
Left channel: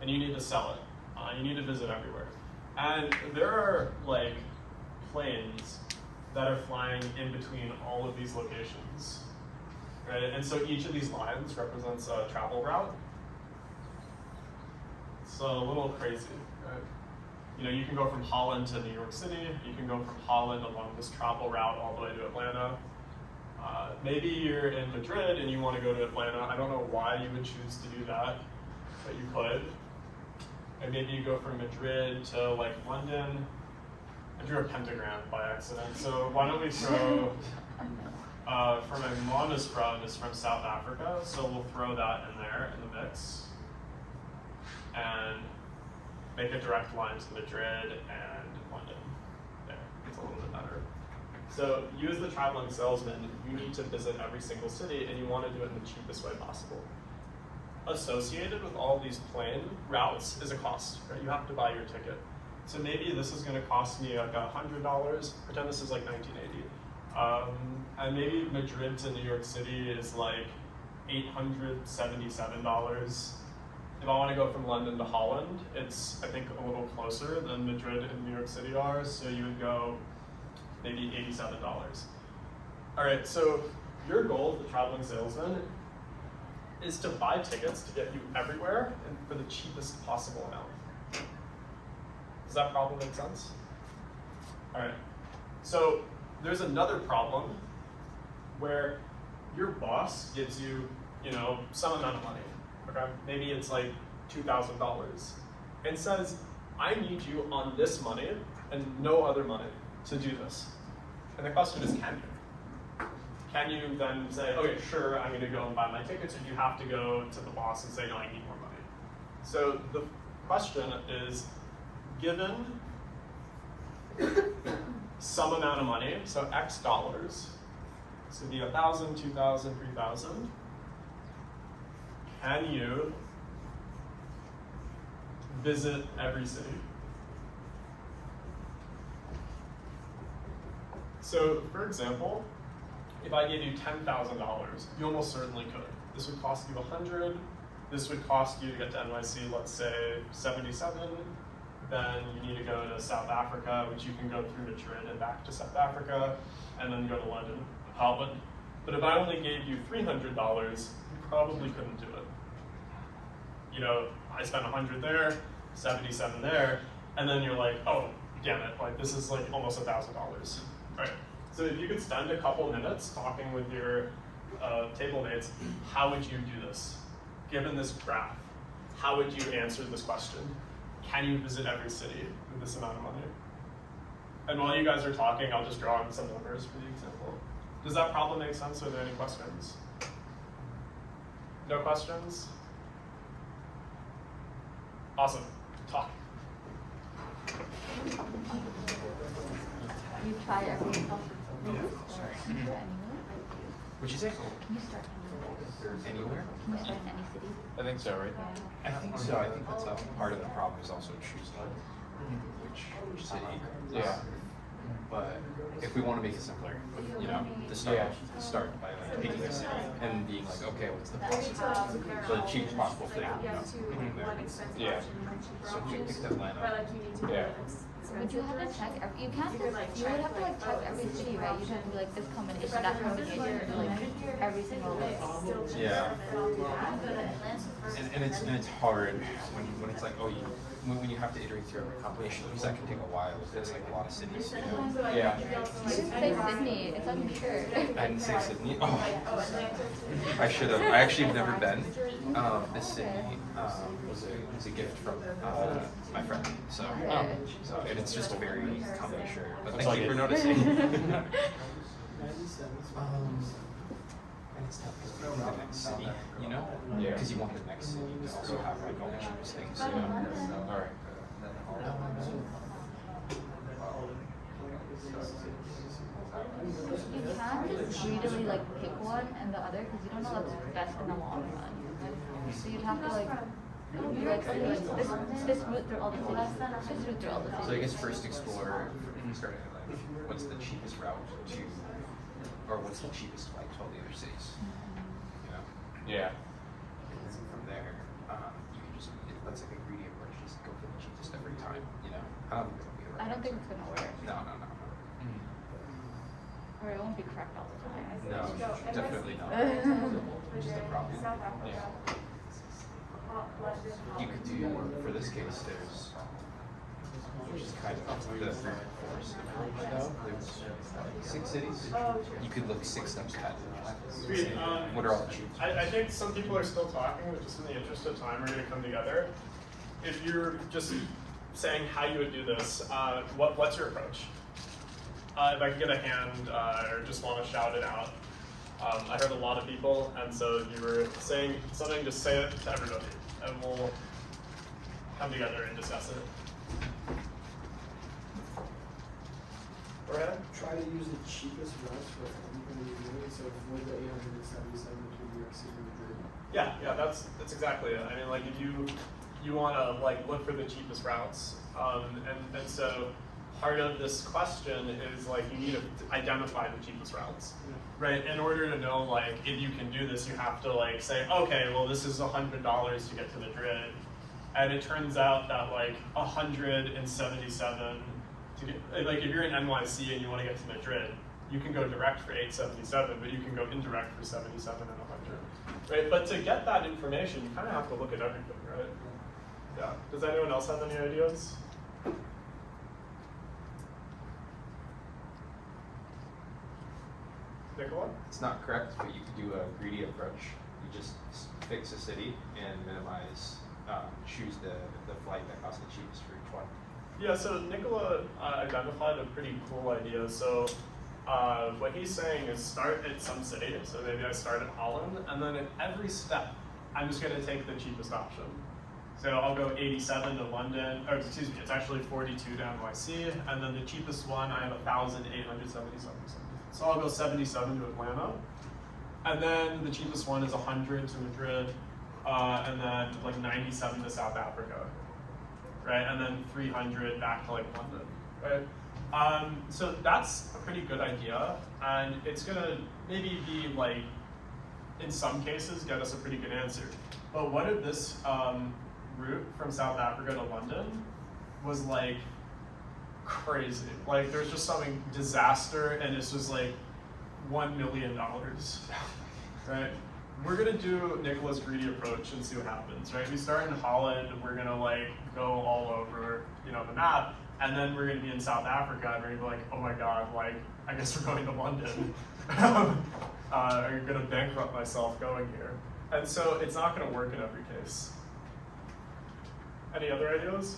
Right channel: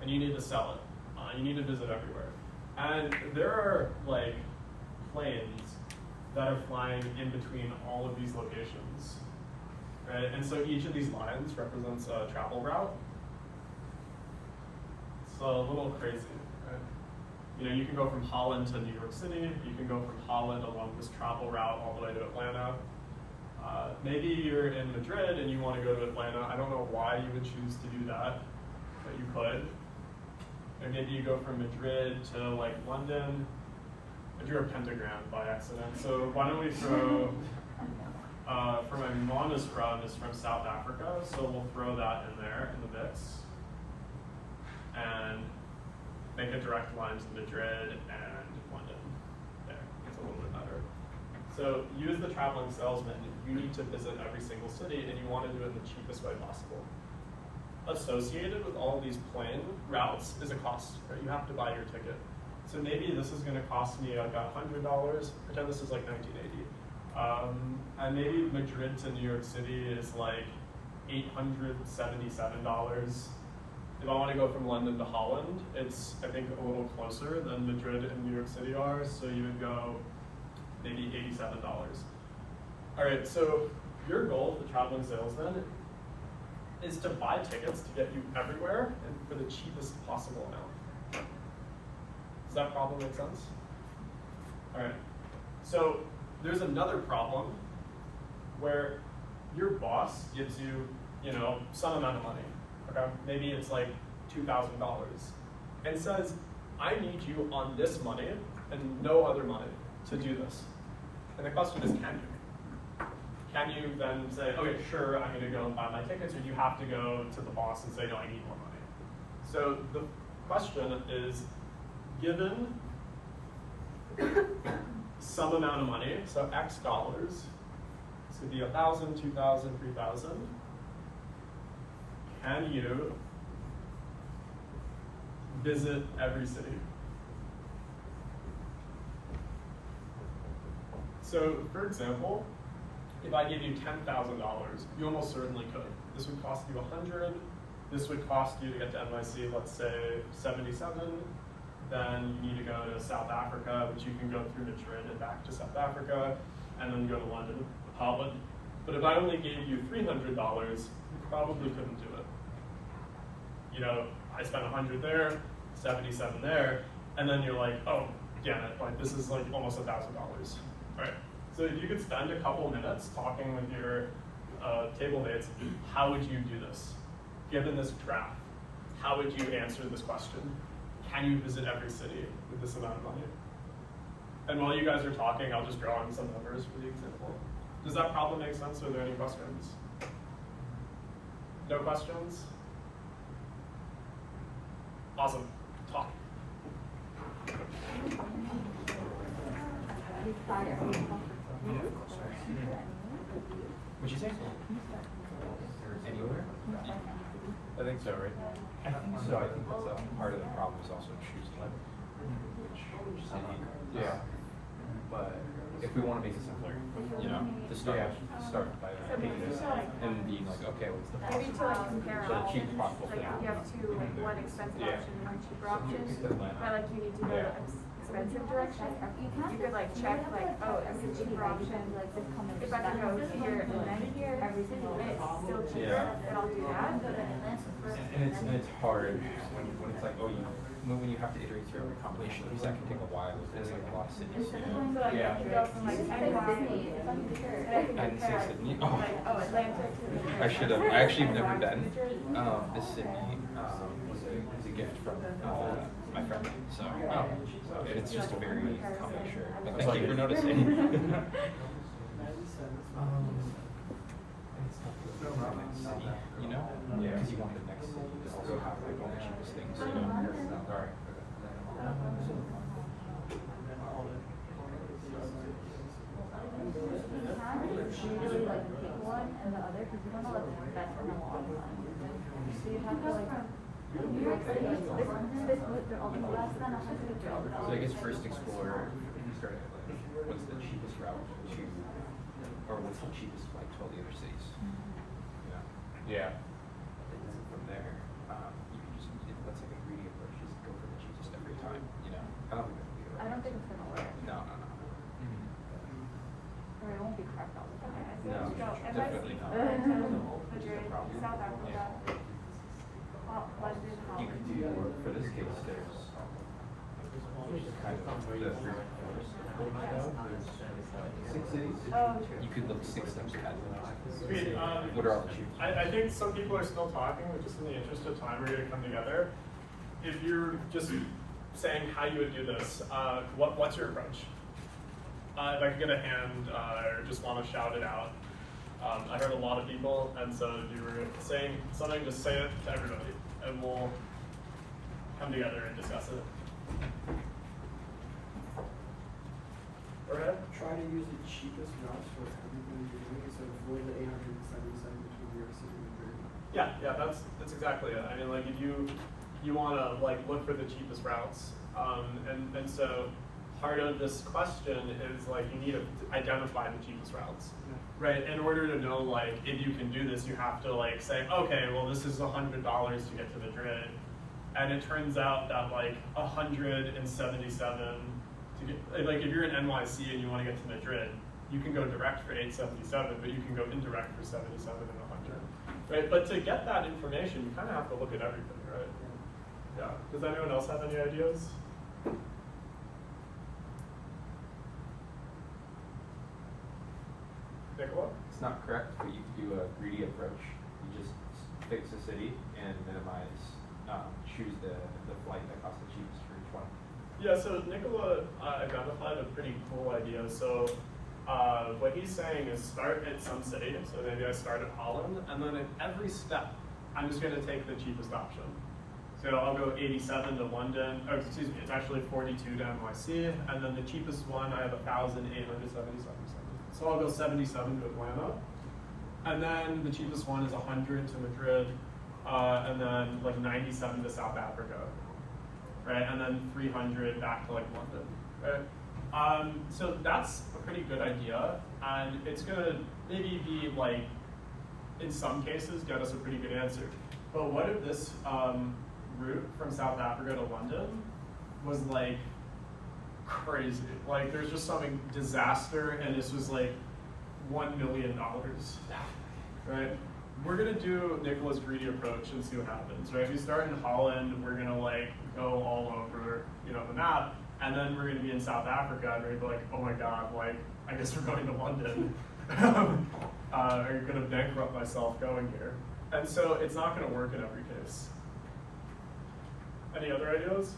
and you need to sell it. You need to visit everywhere. And there are like planes that are flying in between all of these locations. Right? And so each of these lines represents a travel route. It's a little crazy. Right? You know, you can go from Holland to New York City. You can go from Holland along this travel route all the way to Atlanta. Maybe you're in Madrid and you want to go to Atlanta. I don't know why you would choose to do that, but you could. And maybe you go from Madrid to like London. I drew a pentagram by accident. So why don't we throw, for my mom is from South Africa, so we'll throw that in there in the mix. And make a direct line to Madrid and London. Okay, it's a little bit better. So you as the traveling salesman, you need to visit every single city and you want to do it in the cheapest way possible. Associated with all of these plane routes is a cost, right? You have to buy your ticket. So maybe this is going to cost me like $100. Pretend this is like 1980. And maybe Madrid to New York City is like $877. If I want to go from London to Holland, it's, I think, a little closer than Madrid and New York City are, so you would go maybe $87. All right, so your goal as a traveling salesman is to buy tickets to get you everywhere and for the cheapest possible amount. Does that problem make sense? All right, so there's another problem where your boss gives you, some amount of money. Okay, maybe it's like $2,000, and says, I need you on this money and no other money to do this. And the question is, can you? Can you then say, okay, sure, I'm going to go and buy my tickets, or do you have to go to the boss and say, no, I need more money? So the question is, given some amount of money, so X dollars, so it'd be 1,000, 2,000, 3,000, can you visit every city? So, for example, if I gave you $10,000, you almost certainly could. This would cost you 100. This would cost you to get to NYC, let's say 77. Then you need to go to South Africa, which you can go through Madrid and back to South Africa, and then go to London, Holland. But if I only gave you $300, you probably couldn't do it. You know, I spent 100 there, 77 there, and then you're like, oh, damn it, like this is like almost $1,000, right? So if you could spend a couple minutes talking with your table mates, how would you do this? Given this graph, how would you answer this question? Can you visit every city with this amount of money? And while you guys are talking, I'll just draw in some numbers for the example. Does that problem make sense? Are there any questions? No questions? Awesome. Talk. You try everything. What'd you say? Can you start Anywhere? Can you start in any city? I think so, right? I think so. I think that's part of the problem is also choosing which city. Yeah. But if we want to make it simpler, you know, start by picking a city and being like, okay, what's the possible, so the cheapest possible thing. You have to, one expensive Yeah. option, one cheaper So if you option. picked Atlanta. But like you need to go Yeah. Would you have to check every, you can't, You could, like, you would check, have to like, like check oh, every it's a city, cheaper right? You should option. be like this If combination, I that go combination, here, like every single but way. it's still cheaper, Yeah. then I'll do that. And it's hard when it's like, oh, when you have to iterate through every combination, because that can take a while. There's like a lot of cities, you know. Yeah. You didn't say Sydney, it's on your shirt. I didn't say Sydney. Oh, I should have. I actually have never been. This city was a gift from my friend. So and it's just a very common shirt. But thank you for noticing. And it's the next city, you know? Yeah. Because you want the next city to also have like all the cheapest things, you know? All right. You can't just greedily like pick one and the other because you don't know what's best in the long run. So you'd have to like, this route through all the cities, this route through all the cities. So I guess first explore, start at like, what's the cheapest route to, or what's the cheapest flight to all the other cities? You know? Yeah. And then from there, you can just, let's like a greedy approach, just go for the cheapest every time, you know? I don't think that'll be the right I don't think answer. it's gonna work. No. Or it won't be correct all the time. No, definitely not. Which is the problem. Yeah. You could do, for this case, there's, which is kind of the forced approach though, there's 6 cities. You could look 6 steps ahead. Sweet. What are all the cheapest? I think some people are still talking, but just in the interest of time, we're going to come together. If you're just saying how you would do this, what's your approach? If I could get a hand or just want to shout it out. I heard a lot of people, and so if you were saying something, just say it to everybody, and we'll come together and discuss it. Go ahead. Try to use the cheapest routes for everybody to do it, so avoid the 877 between New York City and Madrid. Yeah, that's exactly it. I mean, like if you want to like look for the cheapest routes, and so part of this question is like you need to identify the cheapest routes, right? In order to know like if you can do this, you have to like say, okay, well this is $100 to get to Madrid, and it turns out that like 177 to get, like if you're in NYC and you want to get to Madrid, you can go direct for 877, but you can go indirect for 77 and 100, right? But to get that information, you kind of have to look at everything, right? Yeah. Does anyone else have any ideas? Nicola? It's not correct, but you could do a greedy approach. You just fix a city and minimize, choose the flight that costs the cheapest for each one. Yeah, so Nicola identified a pretty cool idea. So what he's saying is start at some city. So maybe I start at Holland, and then at every step, I'm just going to take the cheapest option. So I'll go 87 to London, or excuse me, it's actually 42 to NYC, and then the cheapest one, I have 1,877. So I'll go 77 to Atlanta, and then the cheapest one is 100 to Madrid, and then like 97 to South Africa, right? And then 300 back to like London, right? So that's a pretty good idea, and it's gonna maybe be like, in some cases, get us a pretty good answer. But what if this route from South Africa to London was like crazy? Like there's just something disaster, and it's just like $1 million, right? We're gonna do Nicola's greedy approach and see what happens, right? We start in Holland, we're gonna like go all over, the map, and then we're gonna be in South Africa, and we're gonna be like, oh my God, like, I guess we're going to London. I'm gonna bankrupt myself going here. And so it's not gonna work in every case. Any other ideas?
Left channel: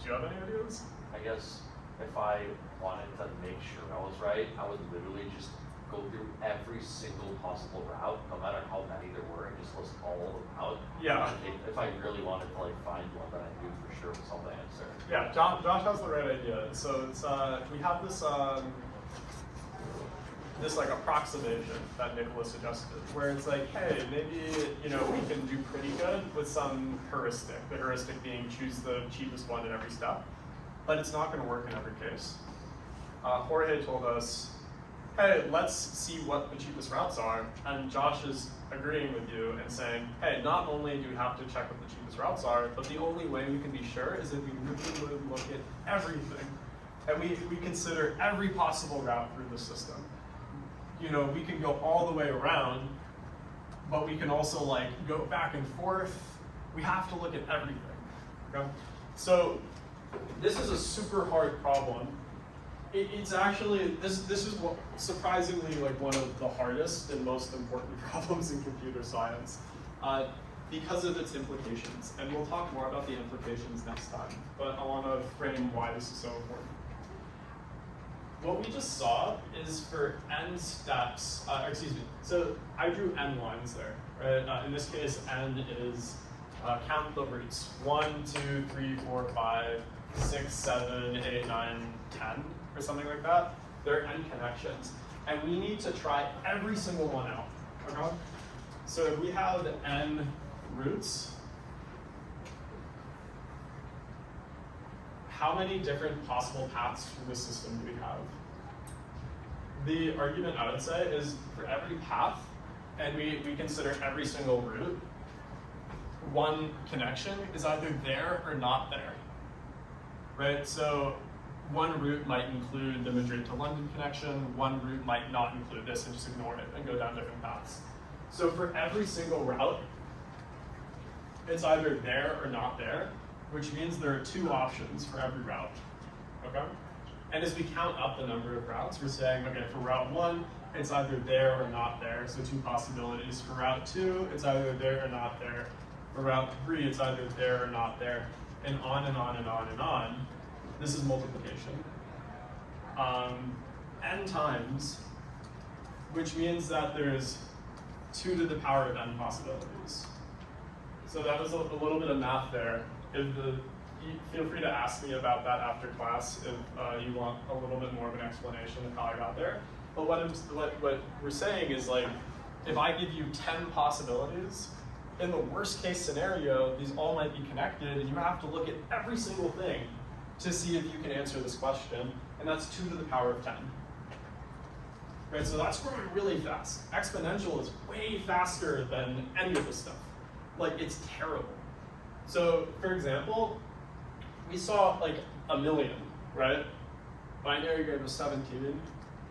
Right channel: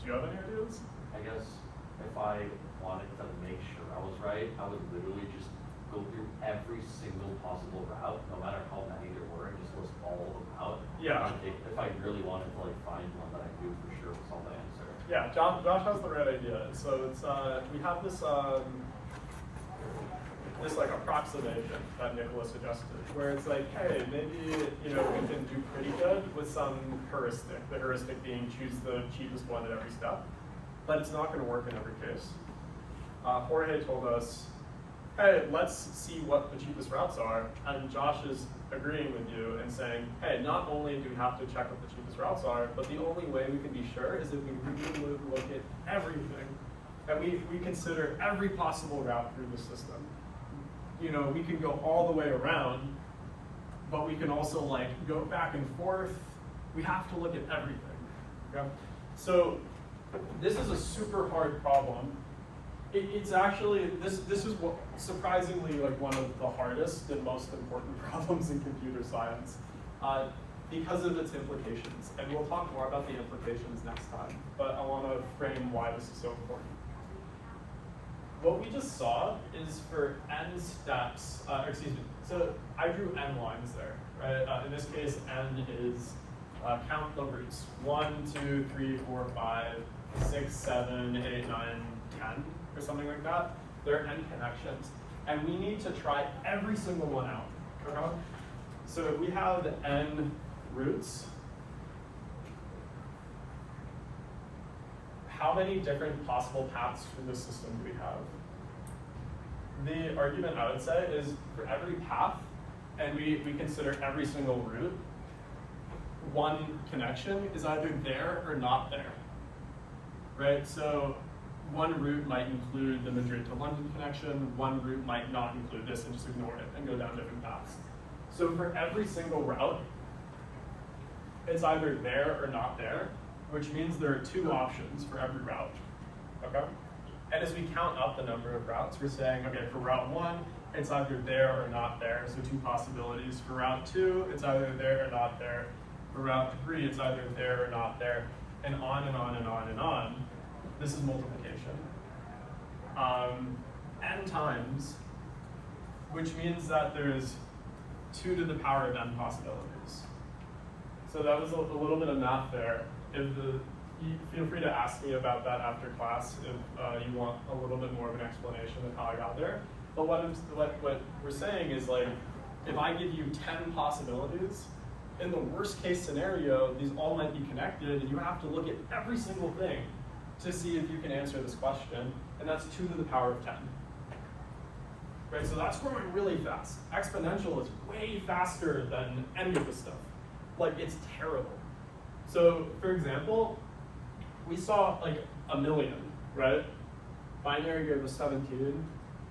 Do you have any ideas? I guess if I wanted to make sure I was right, I would literally just go through every single possible route, no matter how many there were, and just list all of them out. Yeah. If I really wanted to like find one that I knew for sure was all the answer. Yeah, Josh has the right idea. So it's we have this this like approximation that Nicola suggested, where it's like, hey, maybe we can do pretty good with some heuristic. The heuristic being choose the cheapest one at every step, but it's not going to work in every case. Jorge told us, hey, let's see what the cheapest routes are, and Josh is agreeing with you and saying, hey, not only do we have to check what the cheapest routes are, but the only way we can be sure is if we really would look at everything, and we consider every possible route through the system. We can go all the way around, but we can also like go back and forth. We have to look at everything, okay? So this is a super hard problem. It's actually, this is what, surprisingly like one of the hardest and most important problems in computer science because of its implications. And we'll talk more about the implications next time, but I want to frame why this is so important. What we just saw is for n steps, so I drew n lines there, right? In this case, n is count the roots, 1, 2, 3, 4, 5, 6, 7, 8, 9, 10, or something like that. There are n connections, and we need to try every single one out, okay? So if we have n roots, how many different possible paths through the system do we have? The argument I would say is for every path, and we consider every single route, one connection is either there or not there, right? So one route might include the Madrid to London connection, one route might not include this and just ignore it and go down different paths. So for every single route, it's either there or not there, which means there are two options for every route, okay? And as we count up the number of routes, we're saying, okay, for route 1, it's either there or not there, so two possibilities. For route 2, it's either there or not there. For route 3, it's either there or not there, and on and on and on and on. This is multiplication. N times, which means that there's 2 to the power of n possibilities. So that was a little bit of math there. Feel free to ask me about that after class if you want a little bit more of an explanation of how I got there. But what we're saying is like, if I give you 10 possibilities, in the worst case scenario, these all might be connected, and you have to look at every single thing to see if you can answer this question, and that's 2 to the power of 10. Right, so that's growing really fast. Exponential is way faster than any of this stuff. Like, it's terrible. So, for example, we saw like 1 million, right? Binary gave us 17.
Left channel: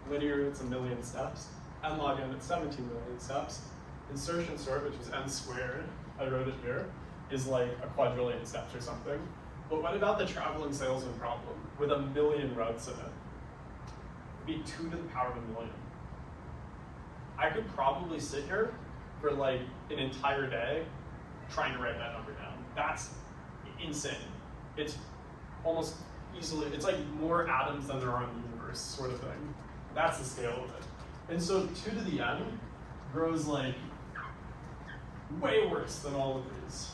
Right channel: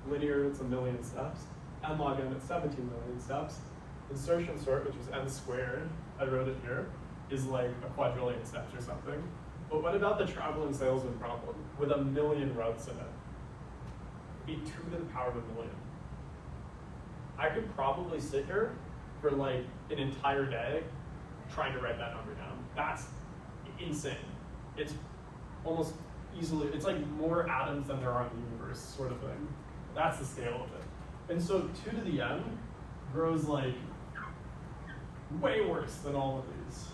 Linear, it's 1 million steps. N log n, it's 17 million steps. Insertion sort, which was n squared, I wrote it here, is like a quadrillion steps or something. But what about the traveling salesman problem with 1 million routes in it? It'd be 2 to the power of 1 million. I could probably sit here for like an entire day trying to write that number down. That's insane. It's almost easily, it's like more atoms than there are in the universe, sort of thing. That's the scale of it. And so 2 to the n grows like way worse than all of these.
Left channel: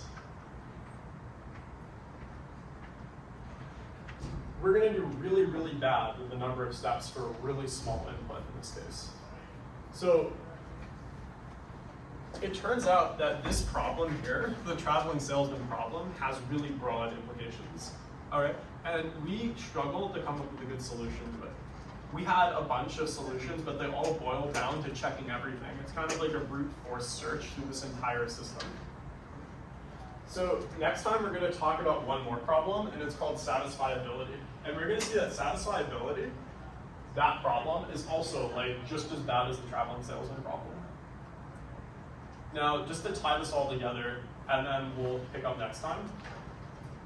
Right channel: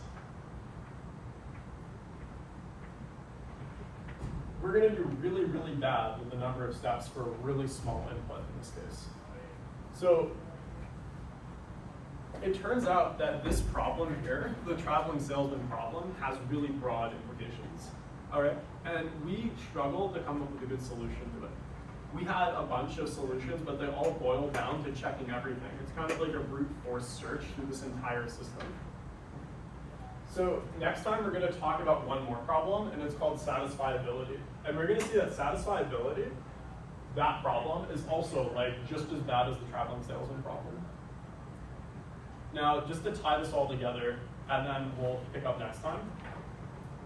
We're gonna do really, really bad with the number of steps for a really small input in this case. So it turns out that this problem here, the traveling salesman problem, has really broad implications. All right, and we struggled to come up with a good solution to it. We had a bunch of solutions, but they all boiled down to checking everything. It's kind of like a brute force search through this entire system. So next time we're going to talk about one more problem, and it's called satisfiability. And we're going to see that satisfiability, that problem, is also like just as bad as the traveling salesman problem. Now, just to tie this all together, and then we'll pick up next time,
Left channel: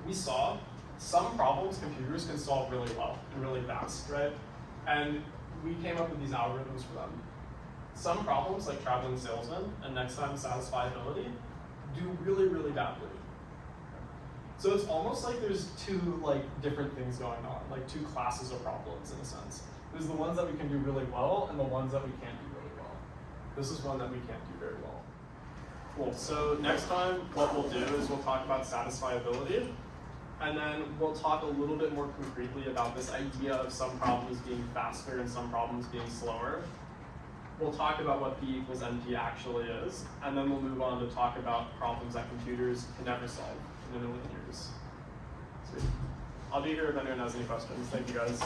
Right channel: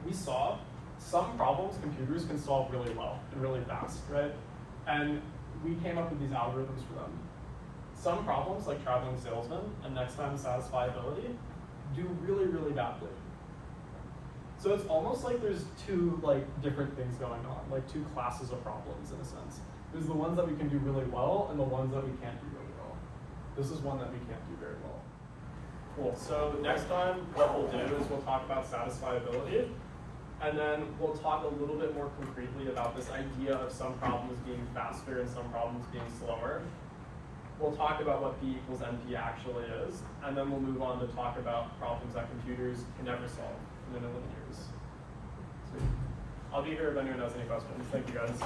we saw some problems computers can solve really well and really fast, right? And we came up with these algorithms for them. Some problems, like traveling salesman, and next time satisfiability, do really, really badly. So it's almost like there's two different things going on, like two classes of problems in a sense. There's the ones that we can do really well and the ones that we can't do really well. This is one that we can't do very well. Cool, so next time what we'll do is we'll talk about satisfiability, and then we'll talk a little bit more concretely about this idea of some problems being faster and some problems being slower. We'll talk about what P equals NP actually is, and then we'll move on to talk about problems that computers can never solve in a million years. Sweet. I'll be here if anyone has any questions. Thank you guys.